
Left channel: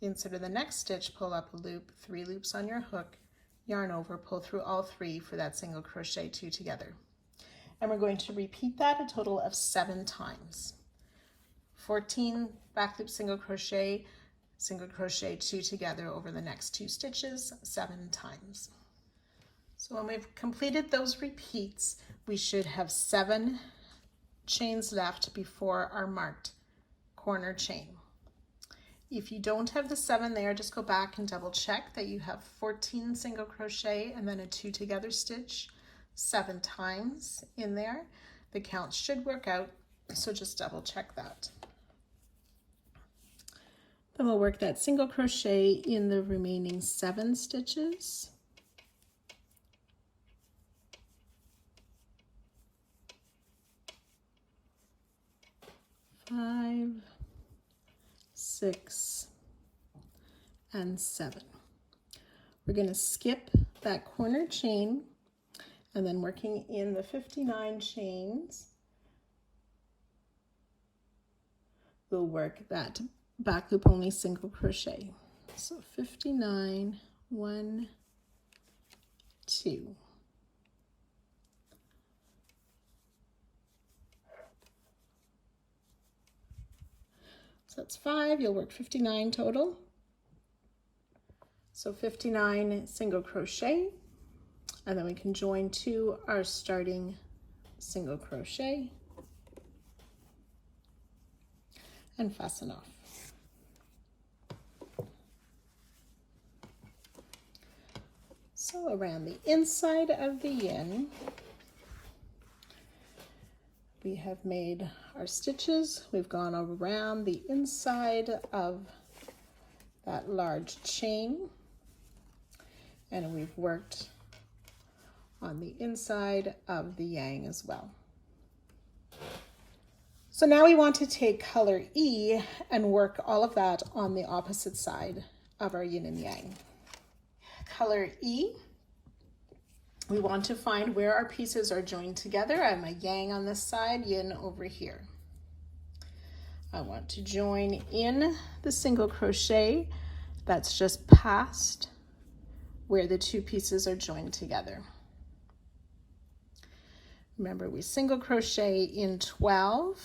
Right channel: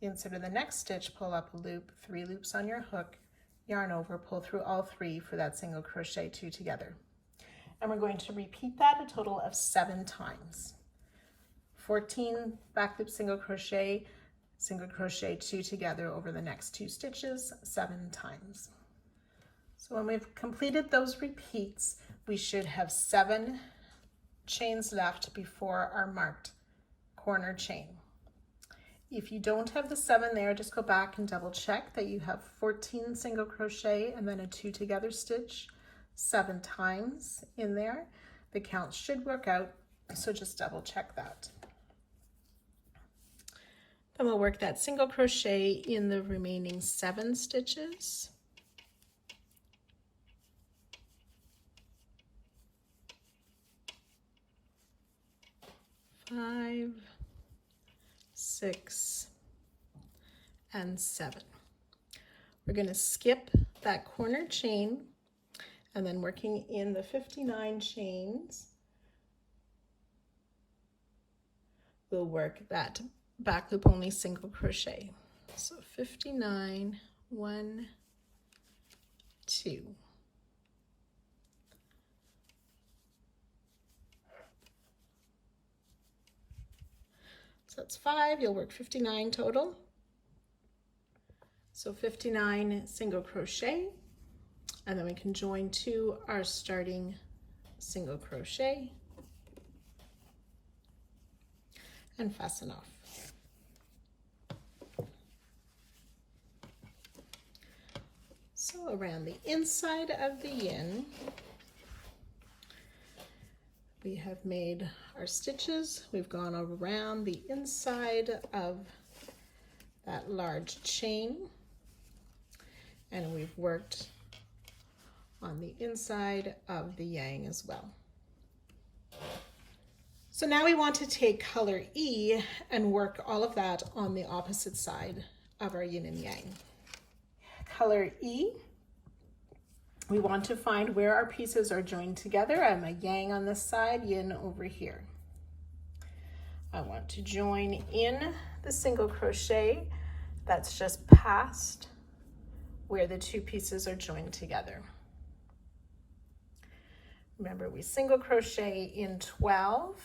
insert in the next stitch, pull up a loop, 3 loops on your hook, yarn over, pull through all 3 for that single crochet 2 together. And we're going to repeat that a total of 7 times. 14 back loop single crochet 2 together over the next 2 stitches 7 times. So when we've completed those repeats, we should have 7 chains left before our marked corner chain. If you don't have the 7 there, just go back and double check that you have 14 single crochet and then a 2 together stitch 7 times in there. The count should work out So just double check that. Then we'll work that single crochet in the remaining 7 stitches. 5, 6, and 7. We're going to skip that corner chain, and then working in the 59 chains, we'll work that back loop only single crochet. So 59, 1, 2. So that's 5, you'll work 59 total. So 59 single crochet, and then we can join to our starting single crochet and fasten off. So around the inside of the yin, we have made our stitches. We've gone around the inside of that large chain, and we've worked on the inside of the yang as well. So now we want to take color E and work all of that on the opposite side of our yin and yang. Color E, we want to find where our pieces are joined together. I have my yang on this side, yin over here. I want to join in the single crochet that's just past where the 2 pieces are joined together. Remember, we single crochet in 12,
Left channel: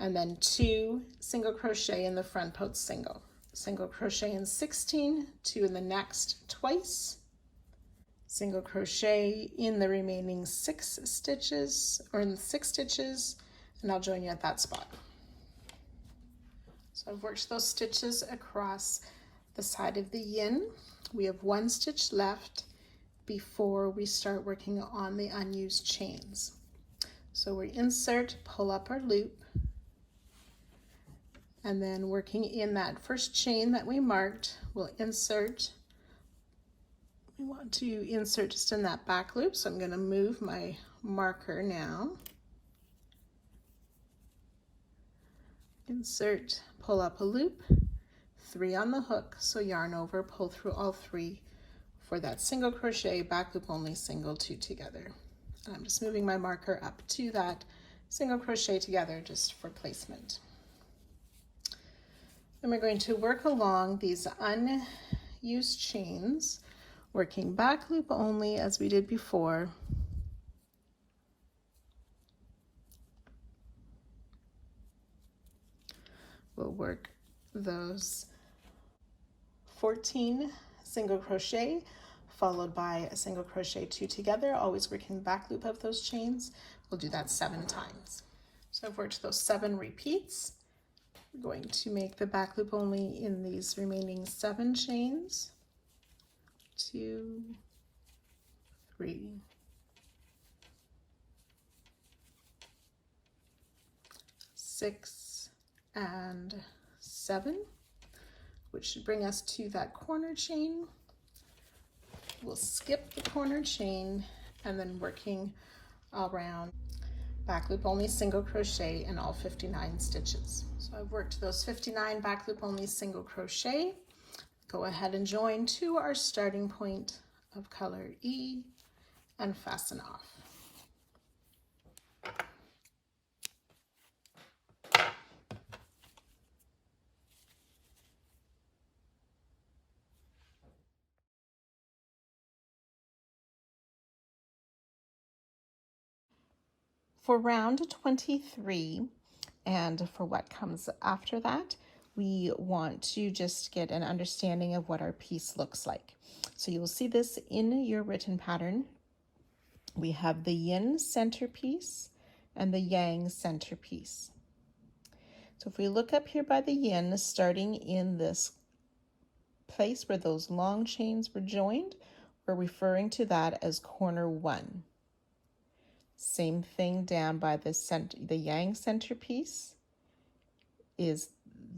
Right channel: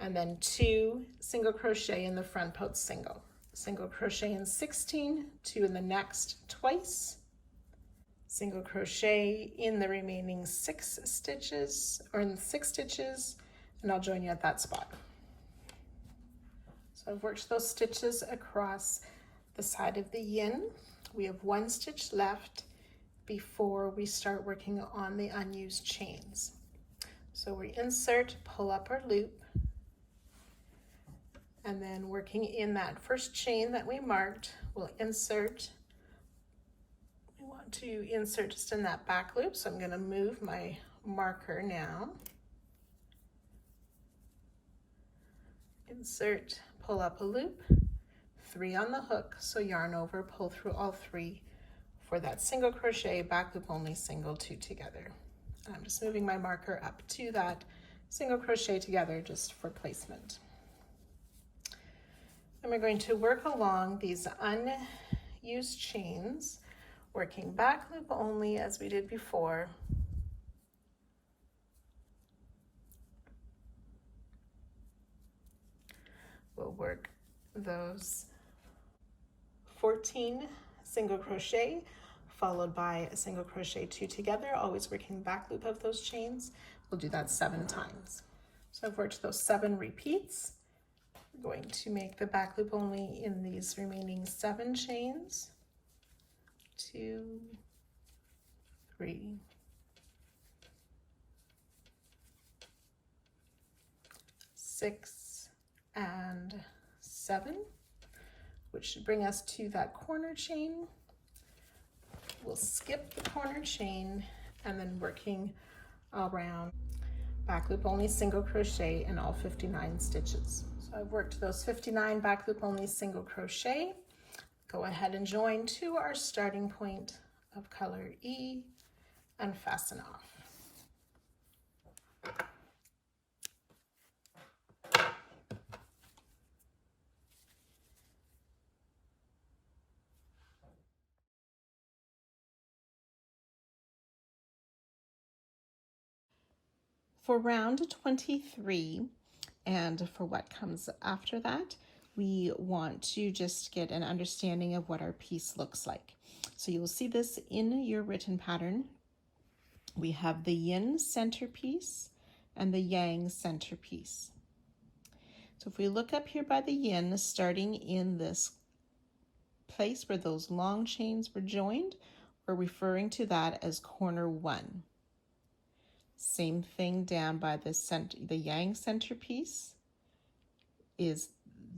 and then 2 single crochet in the front post single crochet in 16, 2 in the next twice, single crochet in the remaining 6 stitches, or in 6 stitches, and I'll join you at that spot. So I've worked those stitches across the side of the yin. We have 1 stitch left before we start working on the unused chains. So we insert, pull up our loop, and then working in that first chain that we marked, we'll insert. We want to insert just in that back loop, so I'm going to move my marker now. Insert, pull up a loop, 3 on the hook, so yarn over, pull through all 3 for that single crochet, back loop only, single 2 together. And I'm just moving my marker up to that single crochet together just for placement. And we're going to work along these unused chains, working back loop only as we did before. We'll work those 14 single crochet followed by a single crochet 2 together, always working back loop of those chains. We'll do that 7 times. So I've worked those 7 repeats. We're going to make the back loop only in these remaining 7 chains. 2, 3, 6, and 7, which should bring us to that corner chain. We'll skip the corner chain and then working around back loop only single crochet in all 59 stitches. So I've worked those 59 back loop only single crochet. Go ahead and join to our starting point of color E and fasten off. For round 23 and for what comes after that, we want to just get an understanding of what our piece looks like. So you will see this in your written pattern. We have the yin centerpiece and the yang centerpiece. So if we look up here by the yin, starting in this place where those long chains were joined, we're referring to that as corner 1. Same thing down by the center, the yang centerpiece is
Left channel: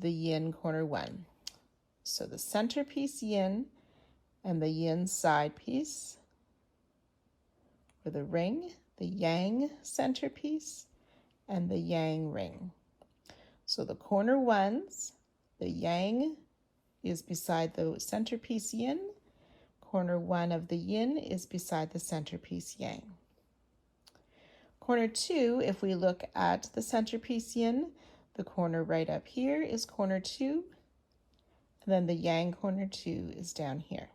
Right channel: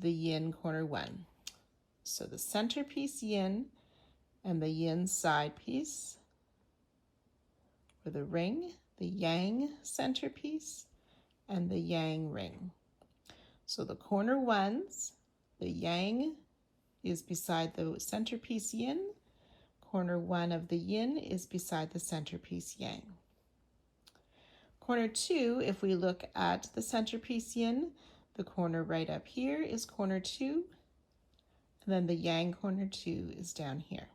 the yin corner 1. So the centerpiece yin and the yin side piece for the ring, the yang centerpiece and the yang ring. So the corner 1s, the yang is beside the centerpiece yin, corner 1 of the yin is beside the centerpiece yang. Corner 2, if we look at the centerpiece yin, the corner right up here is corner 2, and then the yang corner 2 is down here.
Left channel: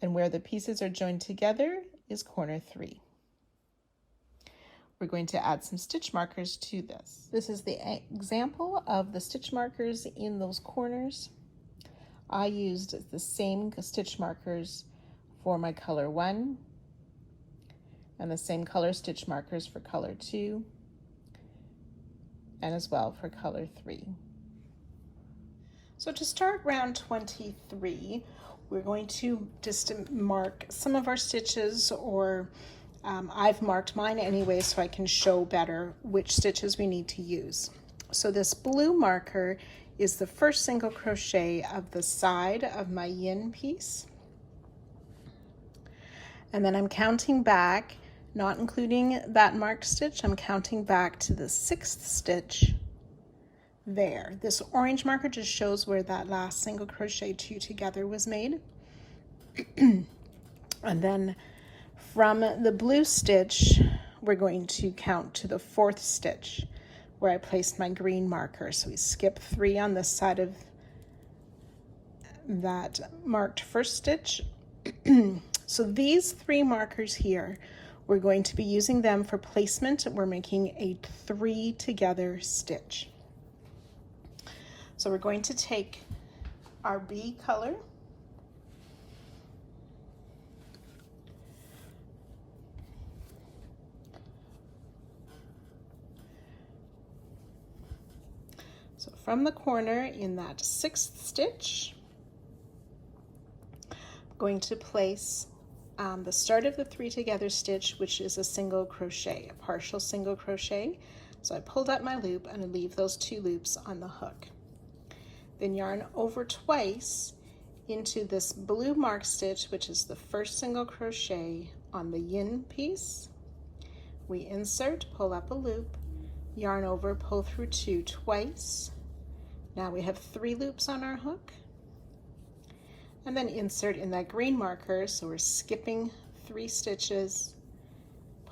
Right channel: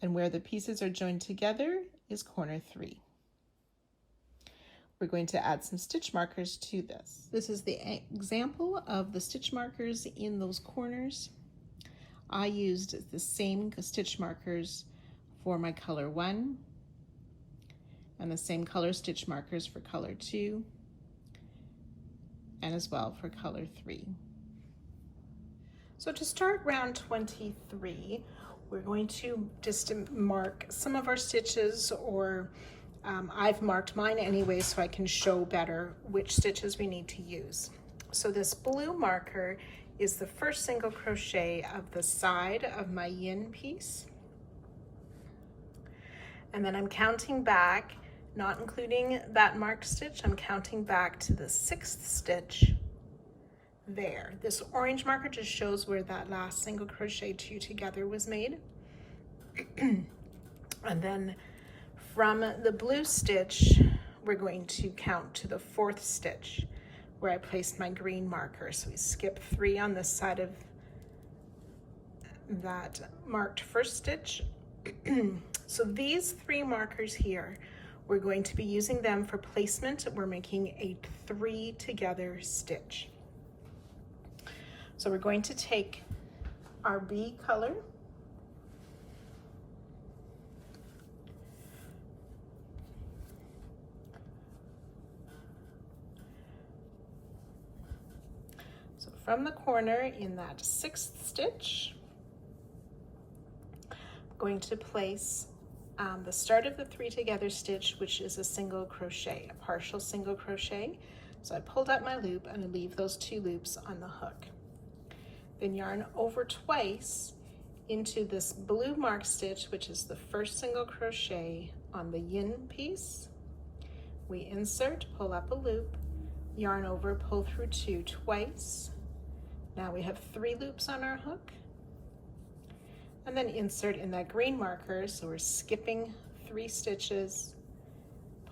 And where the pieces are joined together is corner 3. We're going to add some stitch markers to this. This is the example of the stitch markers in those corners. I used the same stitch markers for my color 1 and the same color stitch markers for color 2 and as well for color 3. So to start round 23, we're going to just mark some of our stitches, or I've marked mine anyway so I can show better which stitches we need to use. So this blue marker is the first single crochet of the side of my yin piece. And then I'm counting back, not including that marked stitch, I'm counting back to the 6th stitch there. This orange marker just shows where that last single crochet 2 together was made. And then from the blue stitch, we're going to count to the 4th stitch where I placed my green marker. So we skip 3 on this side of that marked first stitch. So these 3 markers here, we're going to be using them for placement. We're making a 3 together stitch. So we're going to take our B color, so from the corner in that 6th stitch, I'm going to place the start of the 3 together stitch, which is a single crochet, a partial single crochet. So I pulled up my loop and I leave those 2 loops on the hook. Then yarn over twice into this blue mark stitch, which is the first single crochet on the yin piece. We insert, pull up a loop, yarn over, pull through 2 twice. Now we have 3 loops on our hook. And then insert in that green marker, so we're skipping 3 stitches,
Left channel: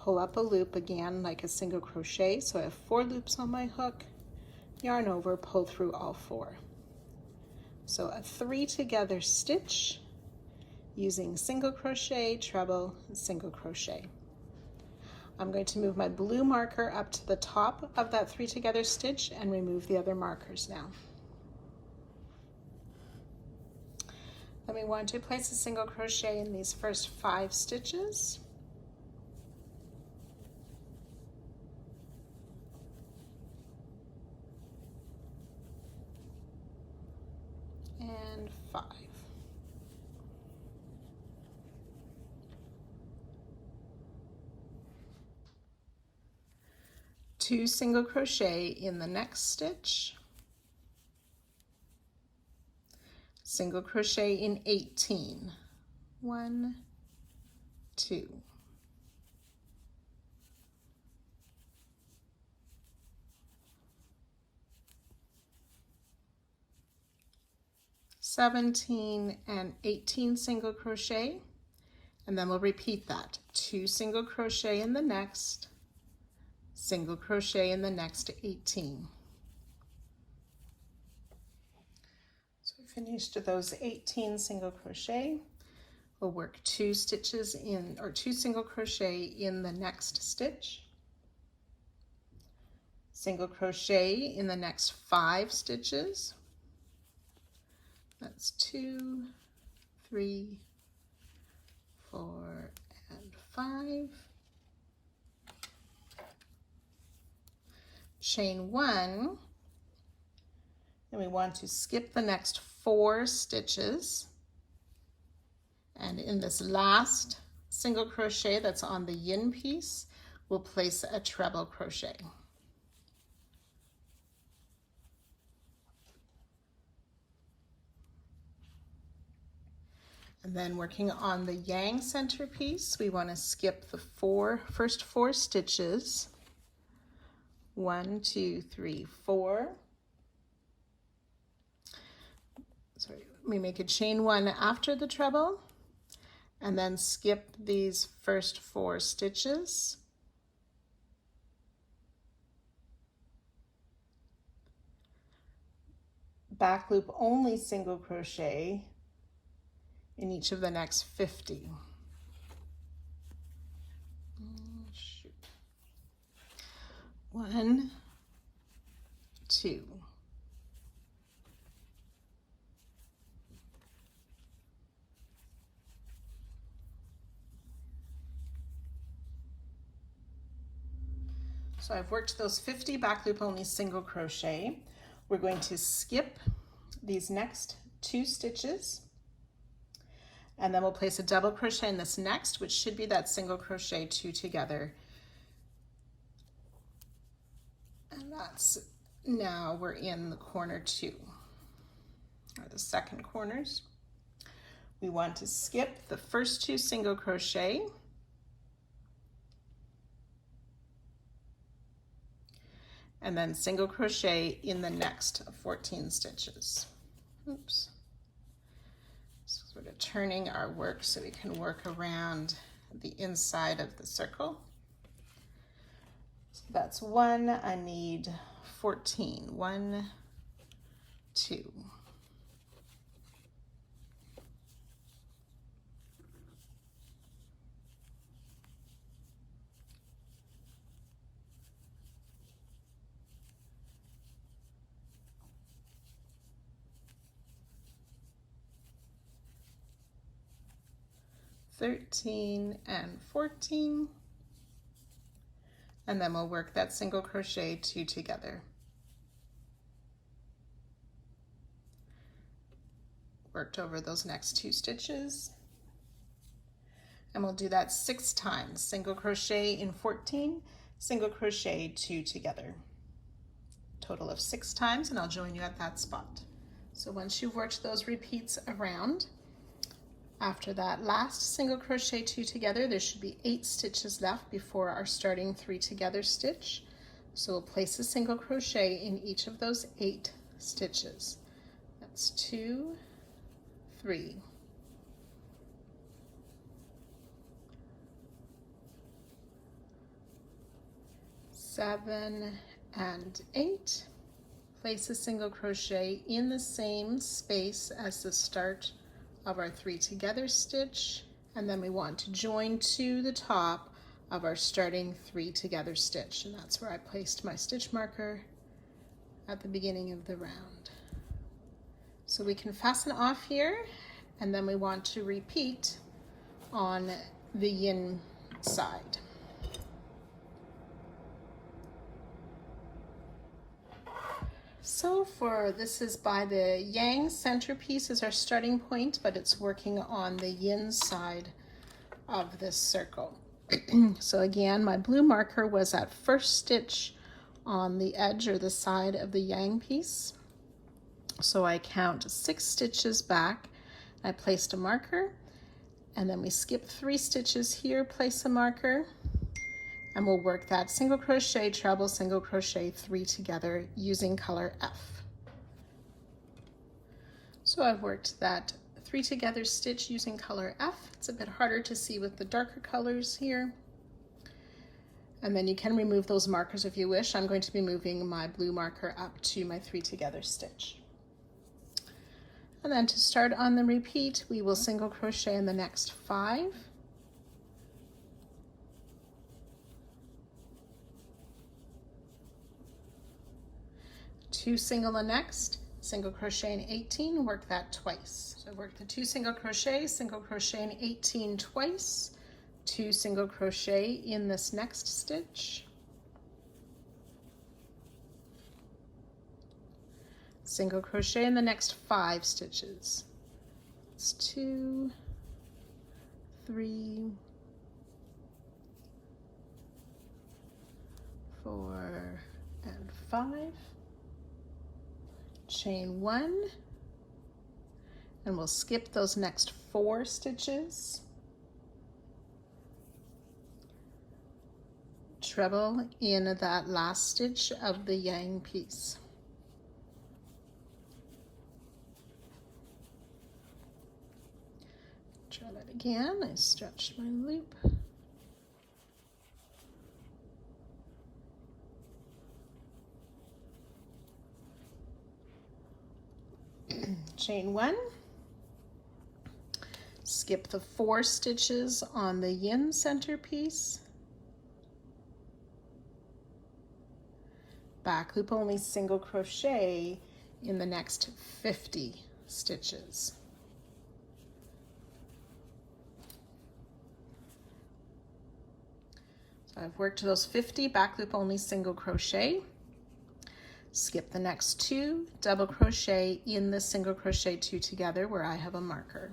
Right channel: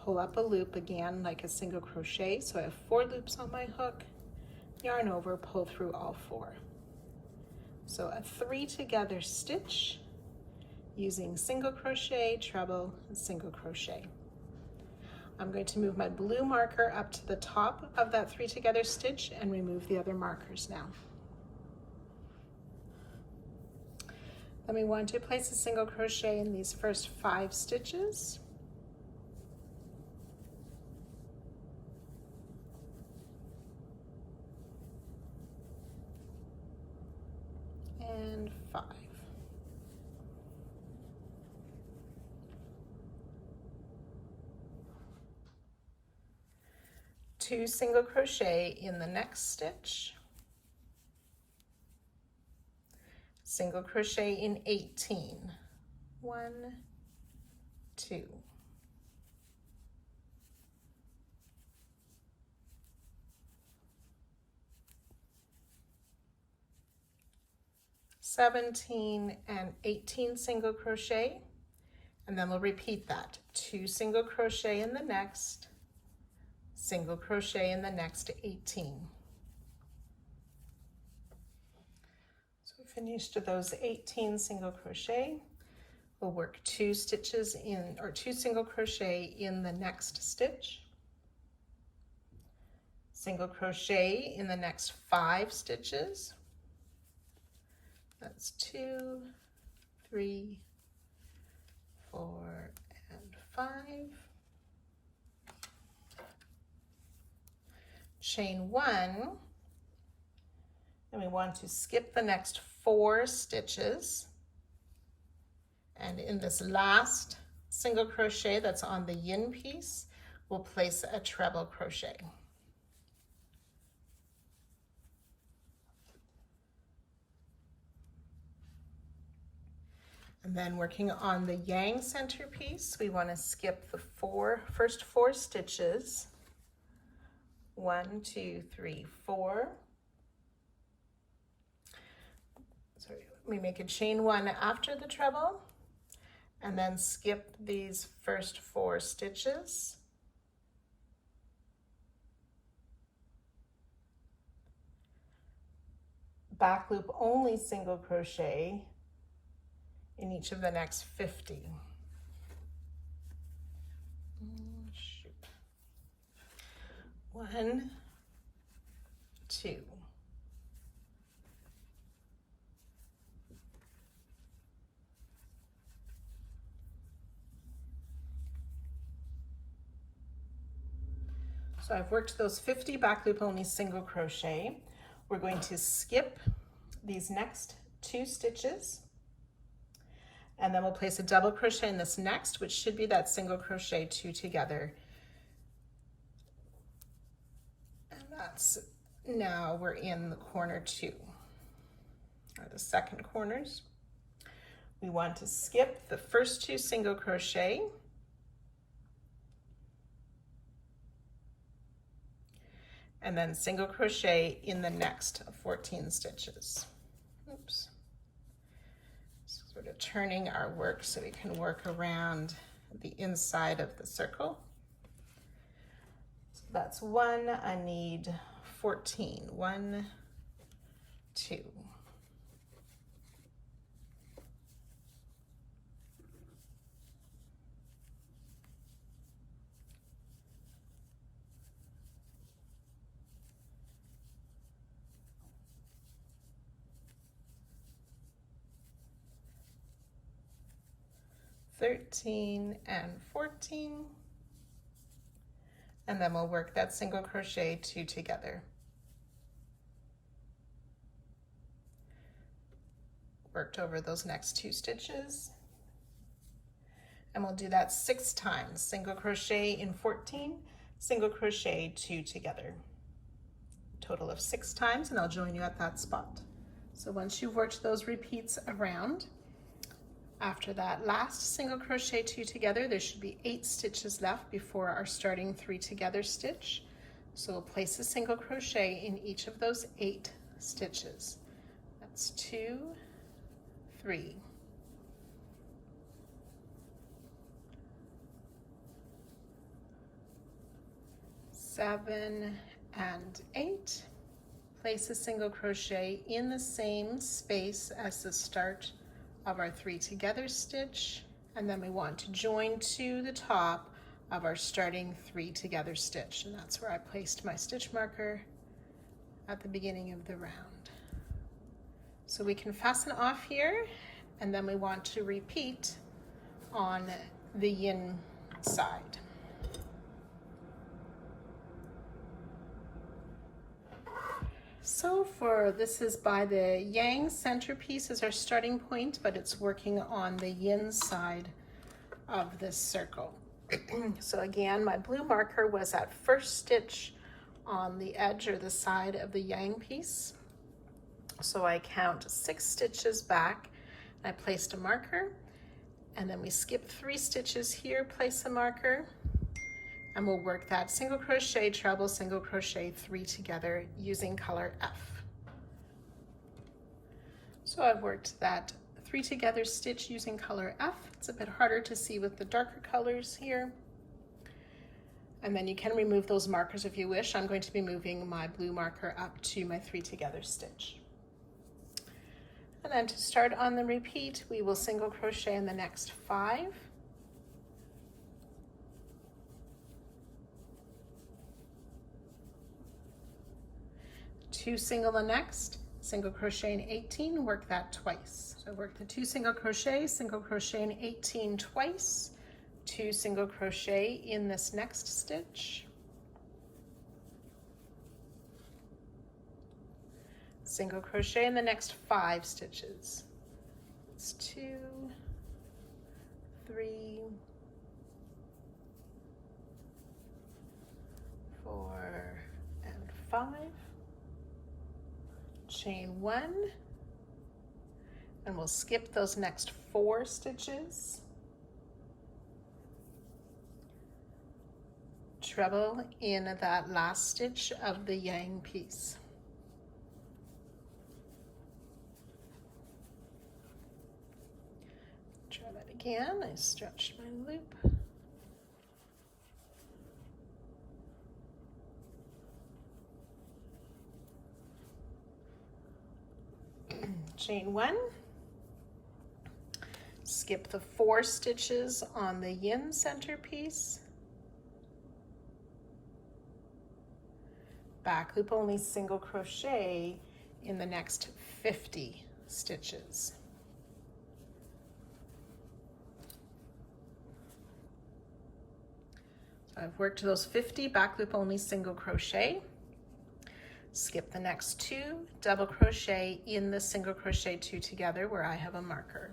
pull up a loop again like a single crochet, so I have 4 loops on my hook, yarn over, pull through all 4. So a 3 together stitch using single crochet, treble, and single crochet. I'm going to move my blue marker up to the top of that 3 together stitch and remove the other markers now. Then we want to place a single crochet in these first 5 stitches. And 5. Two single crochet in the next stitch. Single crochet in 18. 1, 2. (17) and 18 single crochet, and then we'll repeat that. 2 single crochet in the next, single crochet in the next 18. So we finished those 18 single crochet. We'll work 2 stitches in, or 2 single crochet in the next stitch, single crochet in the next 5 stitches. That's 2, 3, 4, and 5. Chain 1, and we want to skip the next 4 stitches. And in this last single crochet that's on the yin piece, we'll place a treble crochet. And then working on the yang centerpiece, we want to skip the first four stitches. 1, 2, 3, 4. So we make a chain 1 after the treble, and then skip these first 4 stitches. Back loop only single crochet in each of the next 50. Shoot. 1, 2. So I've worked those 50 back loop only single crochet. We're going to skip these next 2 stitches, and then we'll place a double crochet in this next, which should be that single crochet 2 together. And that's, now we're in the corner 2, or the second corners. We want to skip the first 2 single crochet, and then single crochet in the next 14 stitches. Oops. Sort of turning our work so we can work around the inside of the circle. So that's 1, I need 14. 1, 2. And 14, and then we'll work that single crochet 2 together. Worked over those next 2 stitches, and we'll do that 6 times. Single crochet in 14, single crochet 2 together. Total of 6 times, and I'll join you at that spot. So once you've worked those repeats around, after that last single crochet 2 together, there should be 8 stitches left before our starting 3 together stitch. So we'll place a single crochet in each of those 8 stitches. That's 2, 3, 7, and 8. Place a single crochet in the same space as the start of our 3 together stitch, and then we want to join to the top of our starting 3 together stitch, and that's where I placed my stitch marker at the beginning of the round. So we can fasten off here, and then we want to repeat on the yin side. So for this is by the yang centerpiece as our starting point, but it's working on the yin side of this circle. So again, my blue marker was at first stitch on the edge or the side of the yang piece. So I count 6 stitches back, I placed a marker, and then we skip 3 stitches here, place a marker, and we'll work that single crochet, treble, single crochet 3 together using color F. So I've worked that 3 together stitch using color F. It's a bit harder to see with the darker colors here. And then you can remove those markers if you wish. I'm going to be moving my blue marker up to my 3 together stitch. And then to start on the repeat, we will single crochet in the next 5. 2 single the next, single crochet in 18, work that twice. So work the 2 single crochet in 18 twice, 2 single crochet in this next stitch, single crochet in the next 5 stitches. It's 2, 3, 4 and 5, chain 1, and we'll skip those next 4 stitches, treble in that last stitch of the yang piece. Try that again. I stretch my loop. Chain 1, skip the 4 stitches on the yin center piece, back loop only single crochet in the next 50 stitches. So I've worked those 50 back loop only single crochet. Skip the next 2, double crochet in the single crochet 2 together where I have a marker.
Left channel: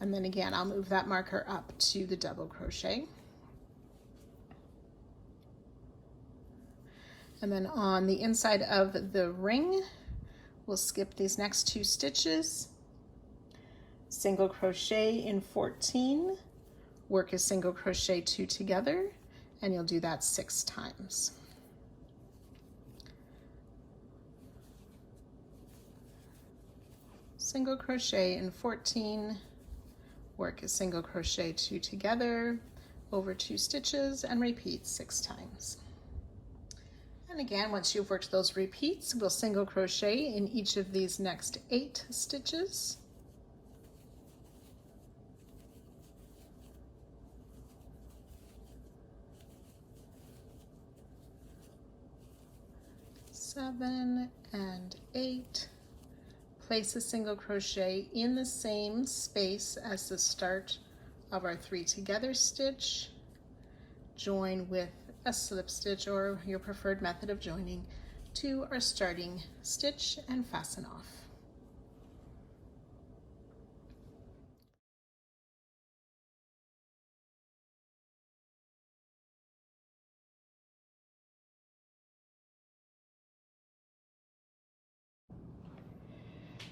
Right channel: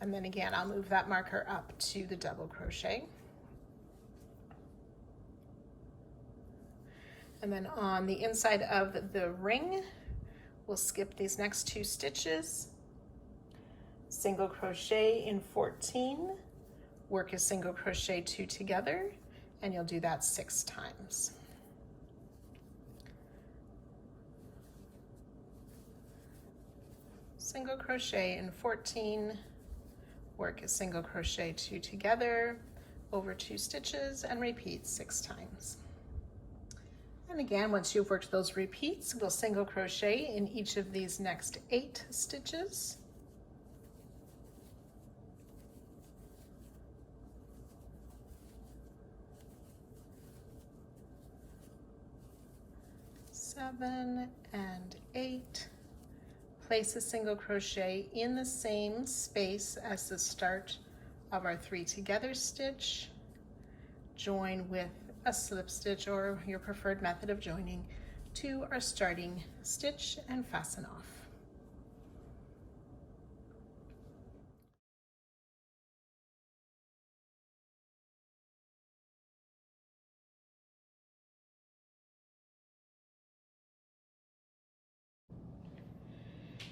And then again, I'll move that marker up to the double crochet. And then on the inside of the ring, we'll skip these next 2 stitches, single crochet in 14, work a single crochet 2 together, and you'll do that 6 times. Single crochet in 14, work a single crochet 2 together over 2 stitches, and repeat 6 times. And again, once you've worked those repeats, we'll single crochet in each of these next 8 stitches. Seven and 8. Place a single crochet in the same space as the start of our 3 together stitch. Join with a slip stitch or your preferred method of joining to our starting stitch and fasten off.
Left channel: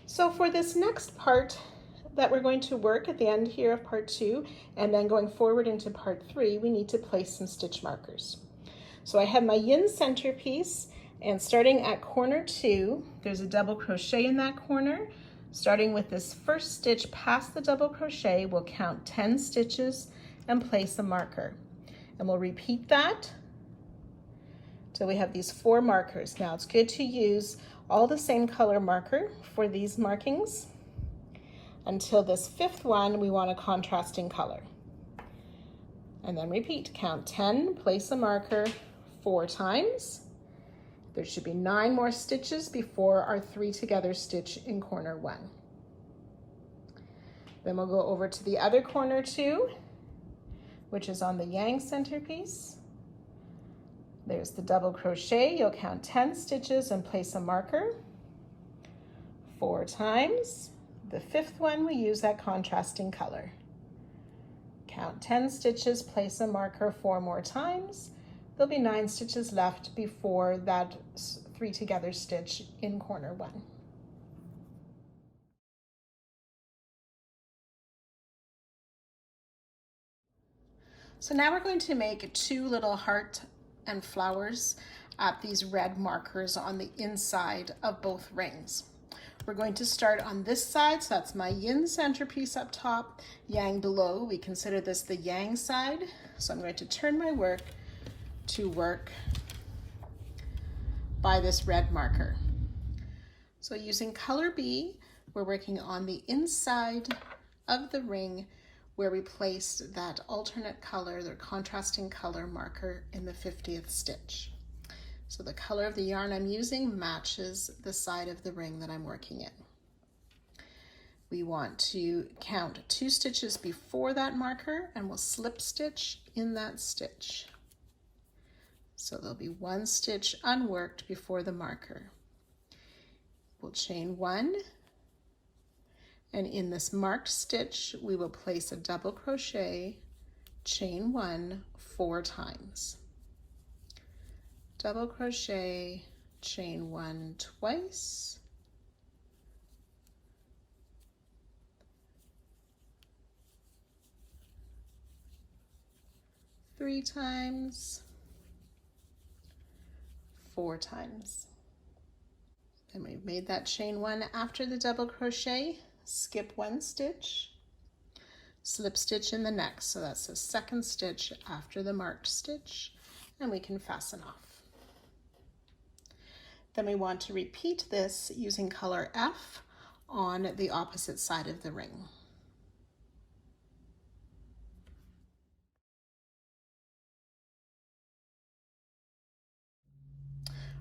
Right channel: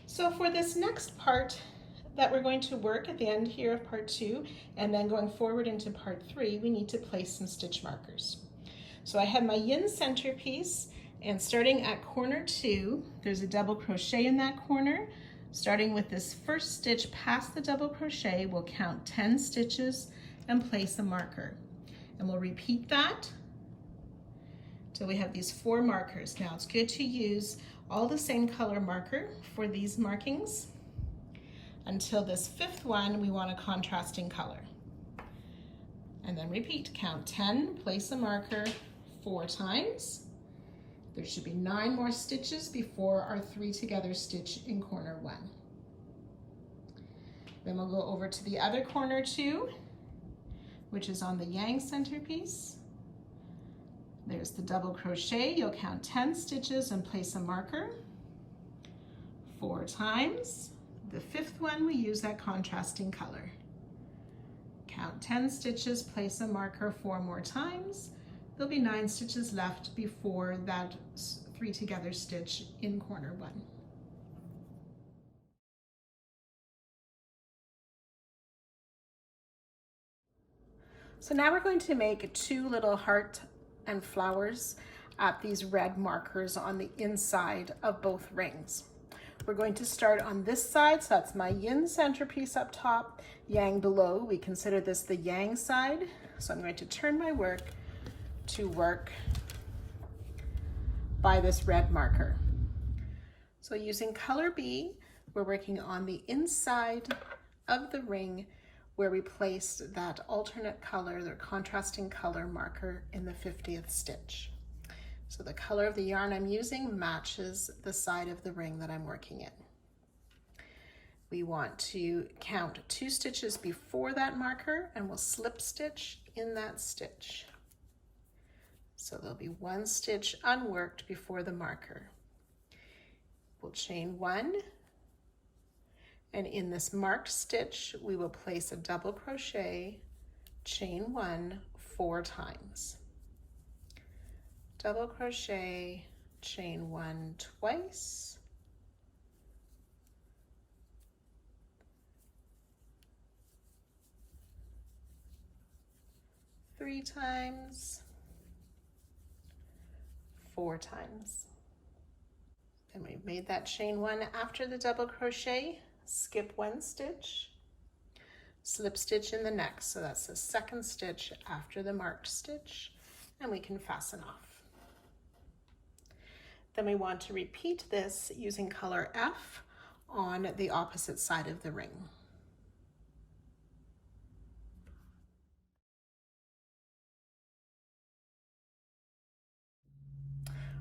So for this next part that we're going to work at the end here of part 2 and then going forward into part 3, we need to place some stitch markers. So I have my yin center piece, and starting at corner 2, there's a double crochet in that corner. Starting with this first stitch past the double crochet, we'll count 10 stitches and place a marker. And we'll repeat that till we have these 4 markers. Now it's good to use all the same color marker for these markings. Until this 5th one, we want a contrasting color. And then repeat, count 10, place a marker 4 times. There should be 9 more stitches before our 3 together stitch in corner 1. Then we'll go over to the other corner 2, which is on the yang center piece. There's the double crochet. You'll count 10 stitches and place a marker 4 times. The 5th one, we use that contrasting color. Count 10 stitches, place a marker 4 more times. There'll be 9 stitches left before that 3 together stitch in corner 1. So now we're going to make 2 little heart and flowers at these red markers on the inside of both rings. We're going to start on this side, so that's my yin centerpiece up top, yang below. We consider this the yang side. So I'm going to turn my work to work by this red marker. So using color B, we're working on the inside of the ring where we placed that alternate color, the contrasting color marker in the 50th stitch. So the color of the yarn I'm using matches the side of the ring that I'm working in. We want to count 2 stitches before that marker, and we'll slip stitch in that stitch. So there'll be 1 stitch unworked before the marker. We'll chain 1, and in this marked stitch, we will place a double crochet, chain 1 4 times. double crochet, chain 1 twice, three times, four times. Then we've made that chain 1 after the double crochet, skip 1 stitch, slip stitch in the next. So that's the second stitch after the marked stitch, and we can fasten off. Then we want to repeat this using color F on the opposite side of the ring.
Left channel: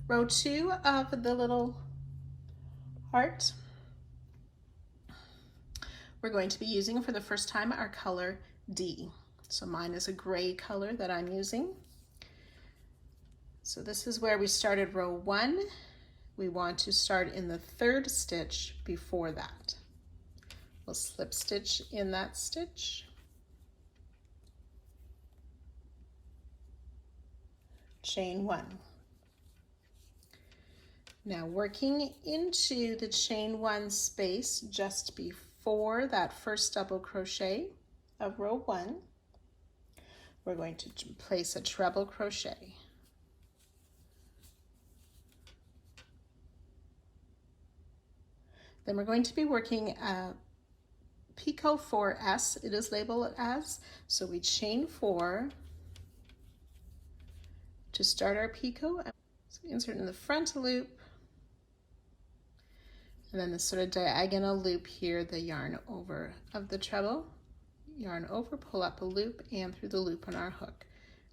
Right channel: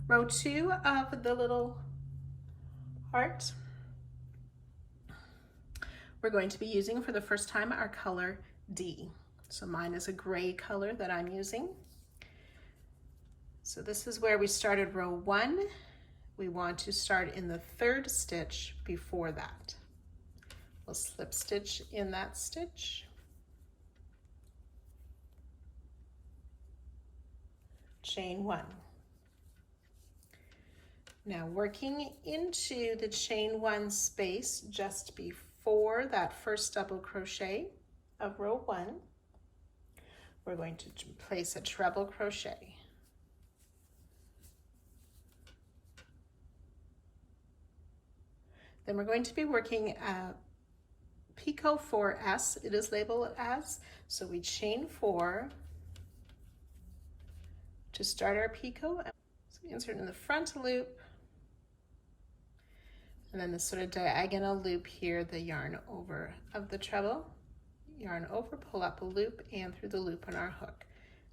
Row 2 of the little heart, we're going to be using for the first time our color D. So mine is a gray color that I'm using. So this is where we started row 1. We want to start in the 3rd stitch before that. We'll slip stitch in that stitch, chain 1. Now working into the chain 1 space just before that first double crochet of row 1, we're going to place a treble crochet. Then we're going to be working a picot 4S, it is labeled as, so we chain 4 to start our picot. So we insert in the front loop, and then the sort of diagonal loop here, the yarn over of the treble, yarn over, pull up a loop and through the loop on our hook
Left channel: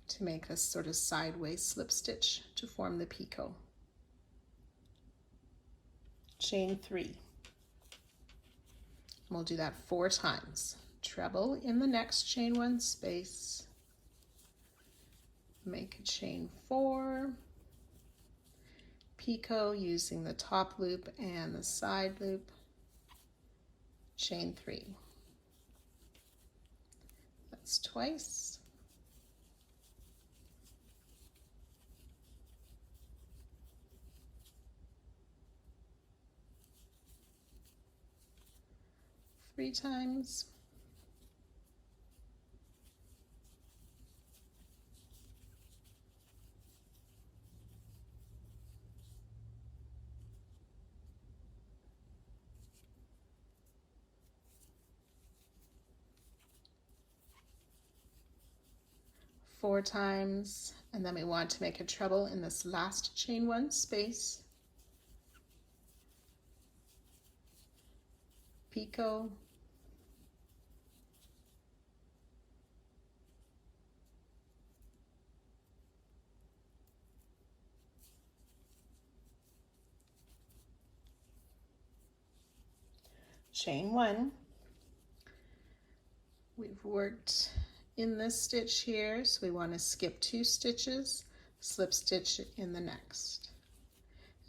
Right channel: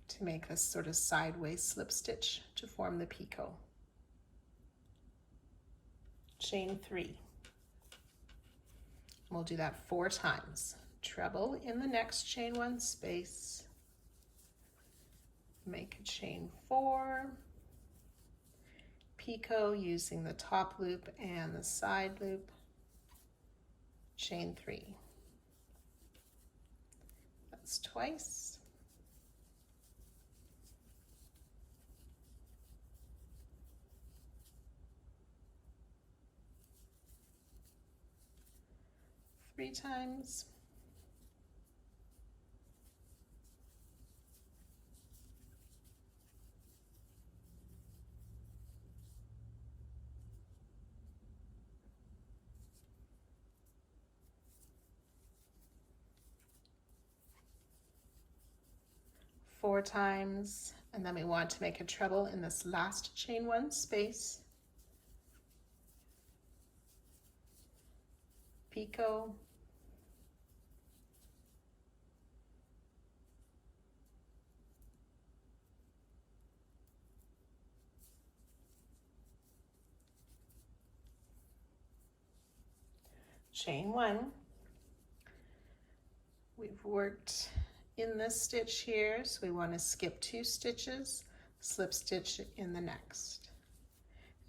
to make this sort of sideways slip stitch to form the picot. Chain 3. We'll do that 4 times. Treble in the next chain 1 space, make a chain 4, picot using the top loop and the side loop, chain 3. That's twice. Three times. Four times, and then we want to make a treble in this last chain 1 space, picot, chain 1. We've worked in this stitch here, so we want to skip 2 stitches, slip stitch in the next,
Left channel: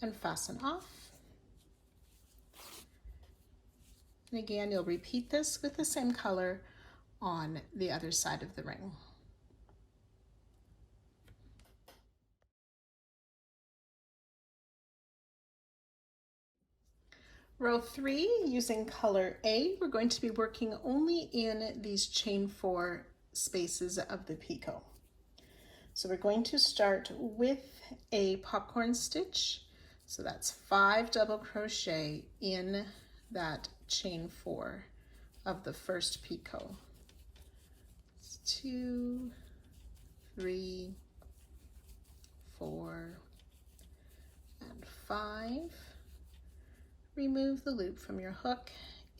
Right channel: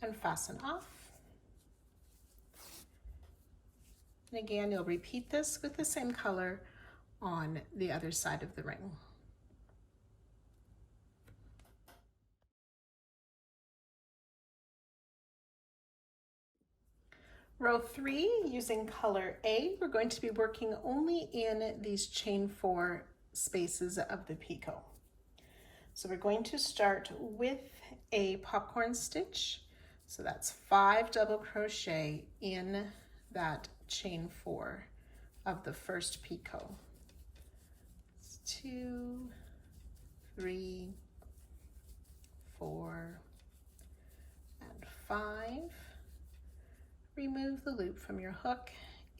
and fasten off. And again, you'll repeat this with the same color on the other side of the ring. Row 3, using color A, we're going to be working only in these chain 4 spaces of the picot. So we're going to start with a popcorn stitch. So that's 5 double crochet in that chain 4 of the first picot. It's 2, 3, 4, and 5. Remove the loop from your hook,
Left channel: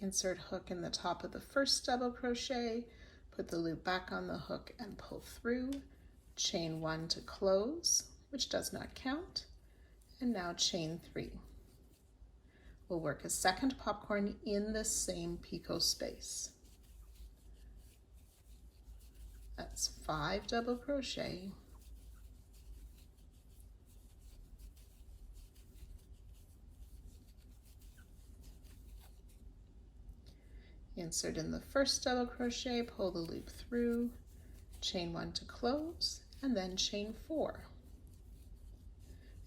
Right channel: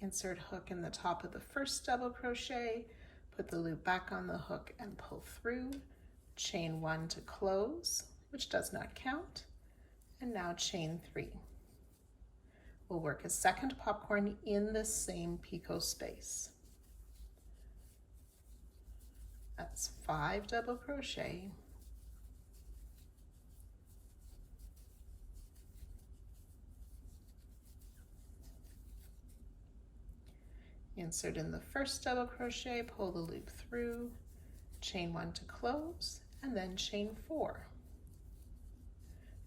insert hook in the top of the first double crochet, put the loop back on the hook and pull through, chain 1 to close, which does not count, and now chain 3. We'll work a second popcorn in the same picot space. That's 5 double crochet, insert in the first double crochet, pull the loop through, chain 1 to close, and then chain 4.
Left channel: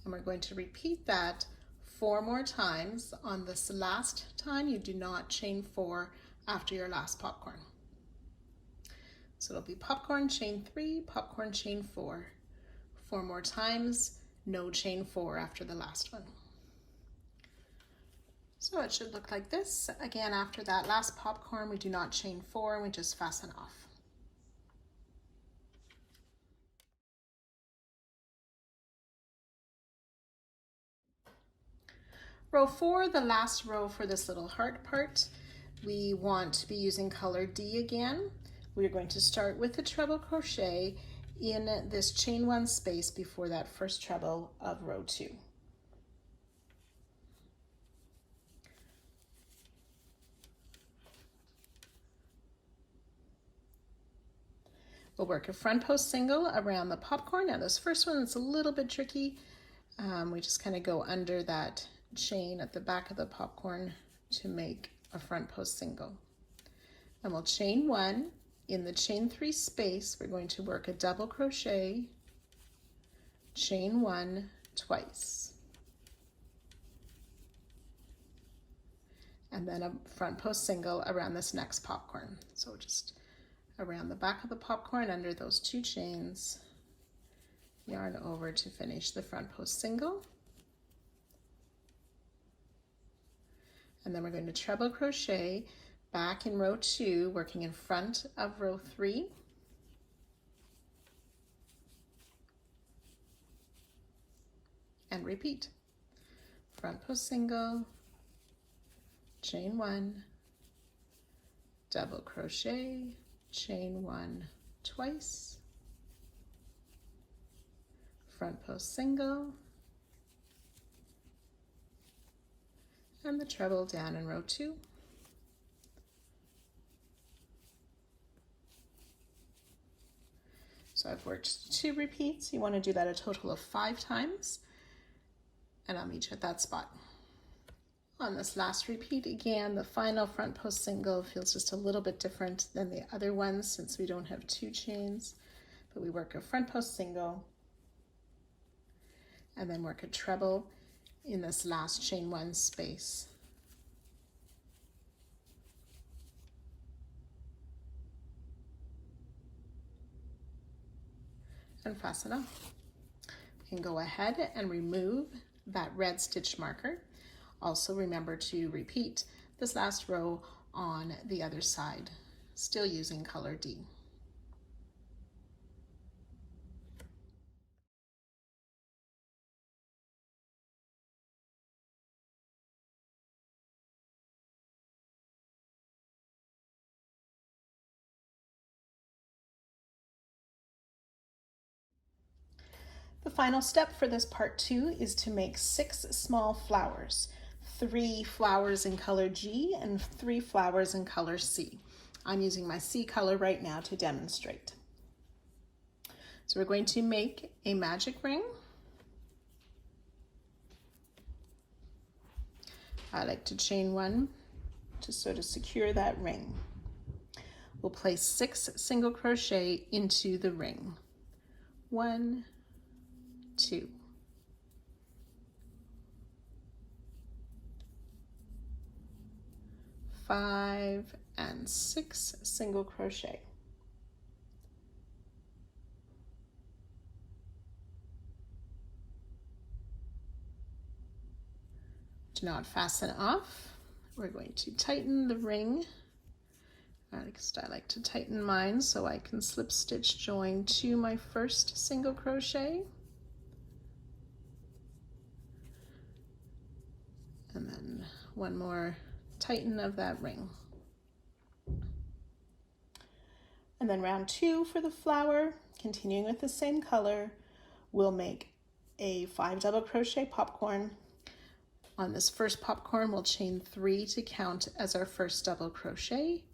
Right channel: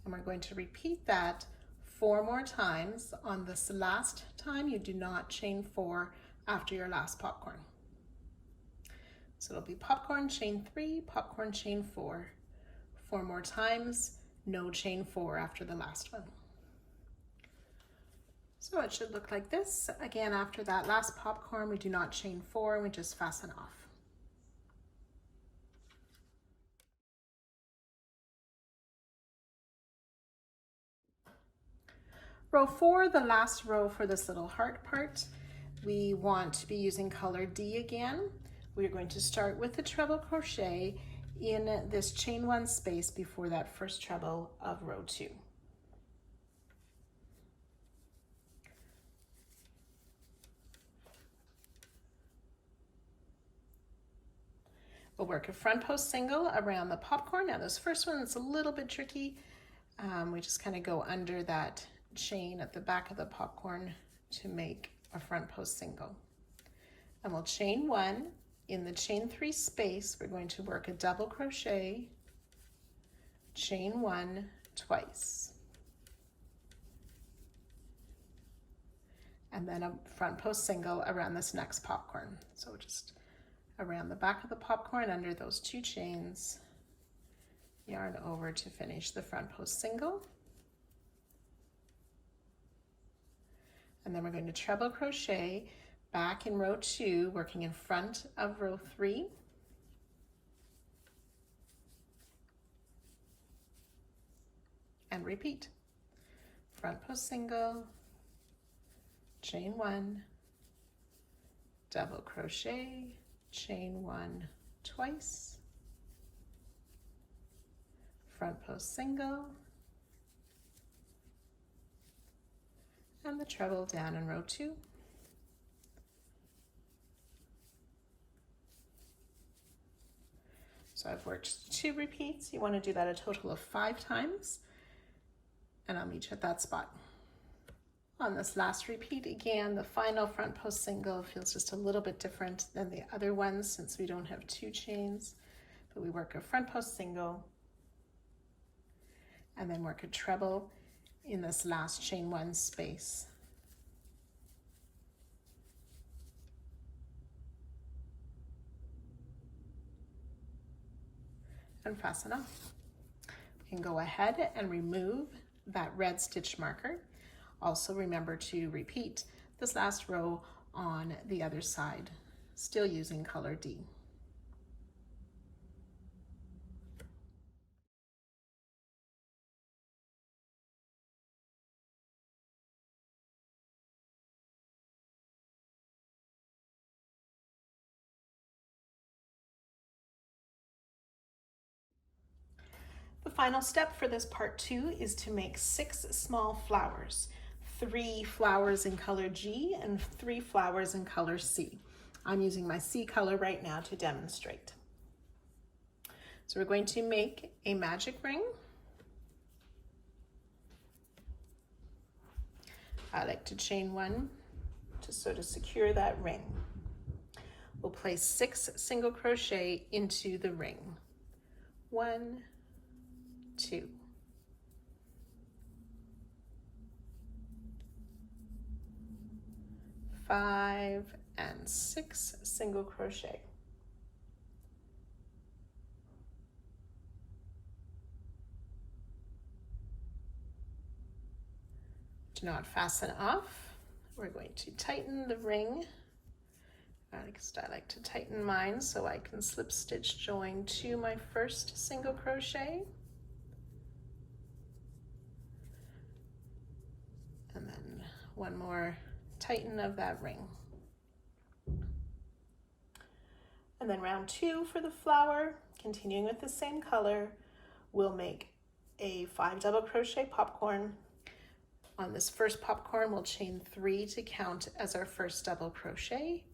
And we're going to repeat that 4 more times. On this last time, you do not chain 4 after your last popcorn. So it'll be popcorn, chain 3, popcorn, chain 4. 4 more times, no chain 4 after the last one. So it should look like this. Again, after that last popcorn, we do not chain 4, we just fasten off. Row 4, the last row for this little heart part, we want to be using color D again. We're going to start with the treble crochet in this chain 1 space before that first treble of row 2. We'll work a front post single around the popcorn. Now this first one is a little bit tricky. We just kind of go under that chain at the back of the popcorn to make a front post single. And we'll chain 1. In the chain 3 space, we're going to work a double crochet, chain 1 twice, and then a front post single around this next popcorn. So just around the back of the popcorn under those 2 chains, yarn over to finish the front post single. And then we're going to treble crochet back in row 2, working in front of row 3. And repeat. Front post single, chain 1, double crochet, chain 1 twice, front post single, and the treble down in row 2. So I've worked 2 repeats. You want to do that a total of 5 times, and I'll meet you at that spot. On this last repeat, again, the final front post single feels just a little bit different than the other ones since we don't have 2 chains, but we work a front post single and then work a treble in this last chain 1 space. And fasten off. You can go ahead and remove that red stitch marker. Also remember to repeat this last row on the other side, still using color D. The final step for this part 2 is to make 6 small flowers. 3 flowers in color G and 3 flowers in color C. I'm using my C color right now to demonstrate. So we're going to make a magic ring. I like to chain 1 to sort of secure that ring. We'll place 6 single crochet into the ring. 1, 2, 5, and 6 single crochet. Do not fasten off. We're going to tighten the ring. I like to tighten mine so I can slip stitch join to my first single crochet. And then one more tighten of that ring. And then round 2 for the flower, continuing with the same color, we'll make a 5 double crochet popcorn. On this first popcorn, we'll chain 3 to count as our first double crochet,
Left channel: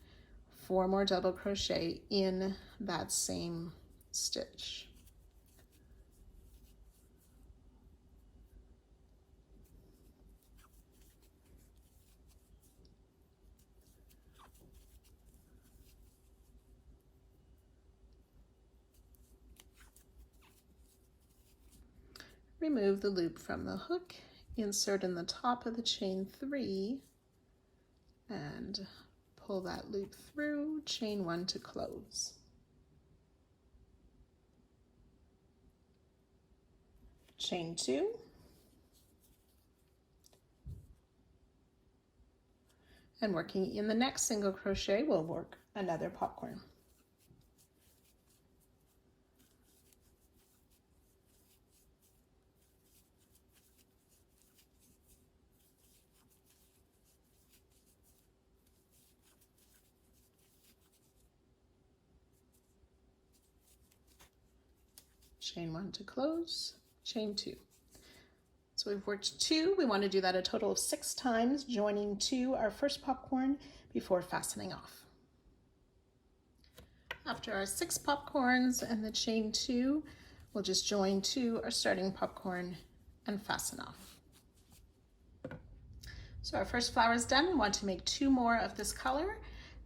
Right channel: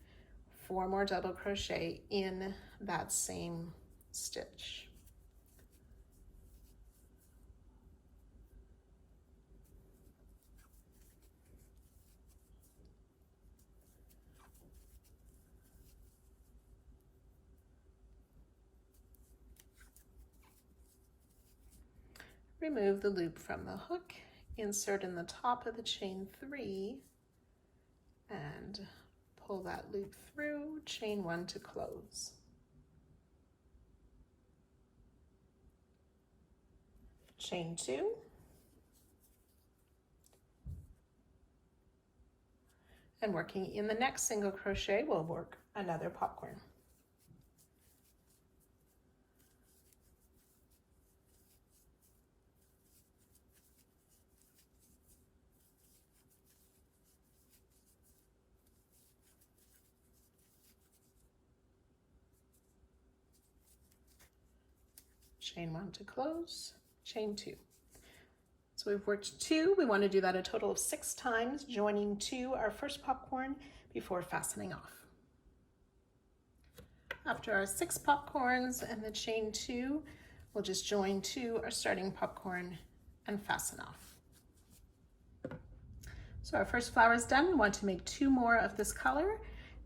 4 more double crochet in that same stitch. remove the loop from the hook, insert in the top of the chain 3, and pull that loop through, chain 1 to close. Chain 2, and working in the next single crochet, we'll work another popcorn. Chain 1 to close, chain 2. So we've worked 2. We want to do that a total of 6 times, joining to our first popcorn before fastening off. After our 6 popcorns and the chain 2, we'll just join to our starting popcorn and fasten off. So our first flower is done. We want to make 2 more of this color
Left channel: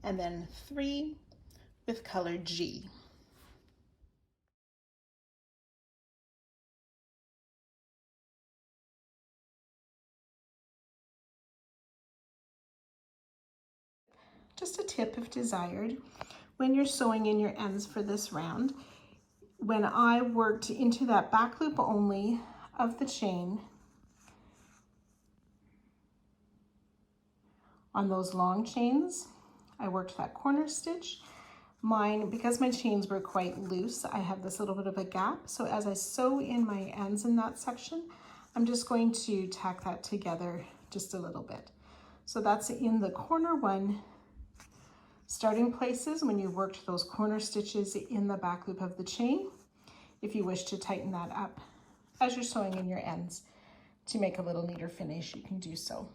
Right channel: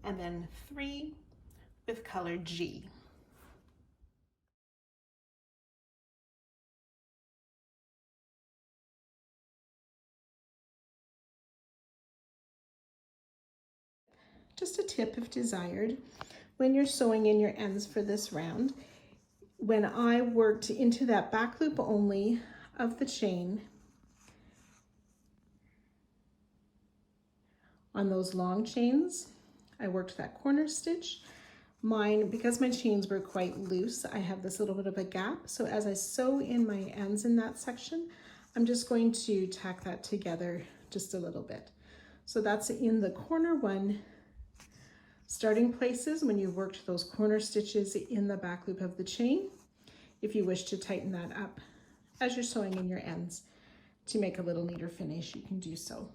and then 3 with color G. Just a tip if desired, when you're sewing in your ends for this round, when I worked into that back loop only of the chain on those long chains, I worked that corner stitch. Mine, because my chains were quite loose, I have this little bit of a gap. So as I sew in my ends in that section, I'm just going to tack that together just a little bit. So that's in the corner one starting places when you worked those corner stitches in the back loop of the chain. If you wish to tighten that up as you're sewing in your ends to make a little neater finish, you can do so.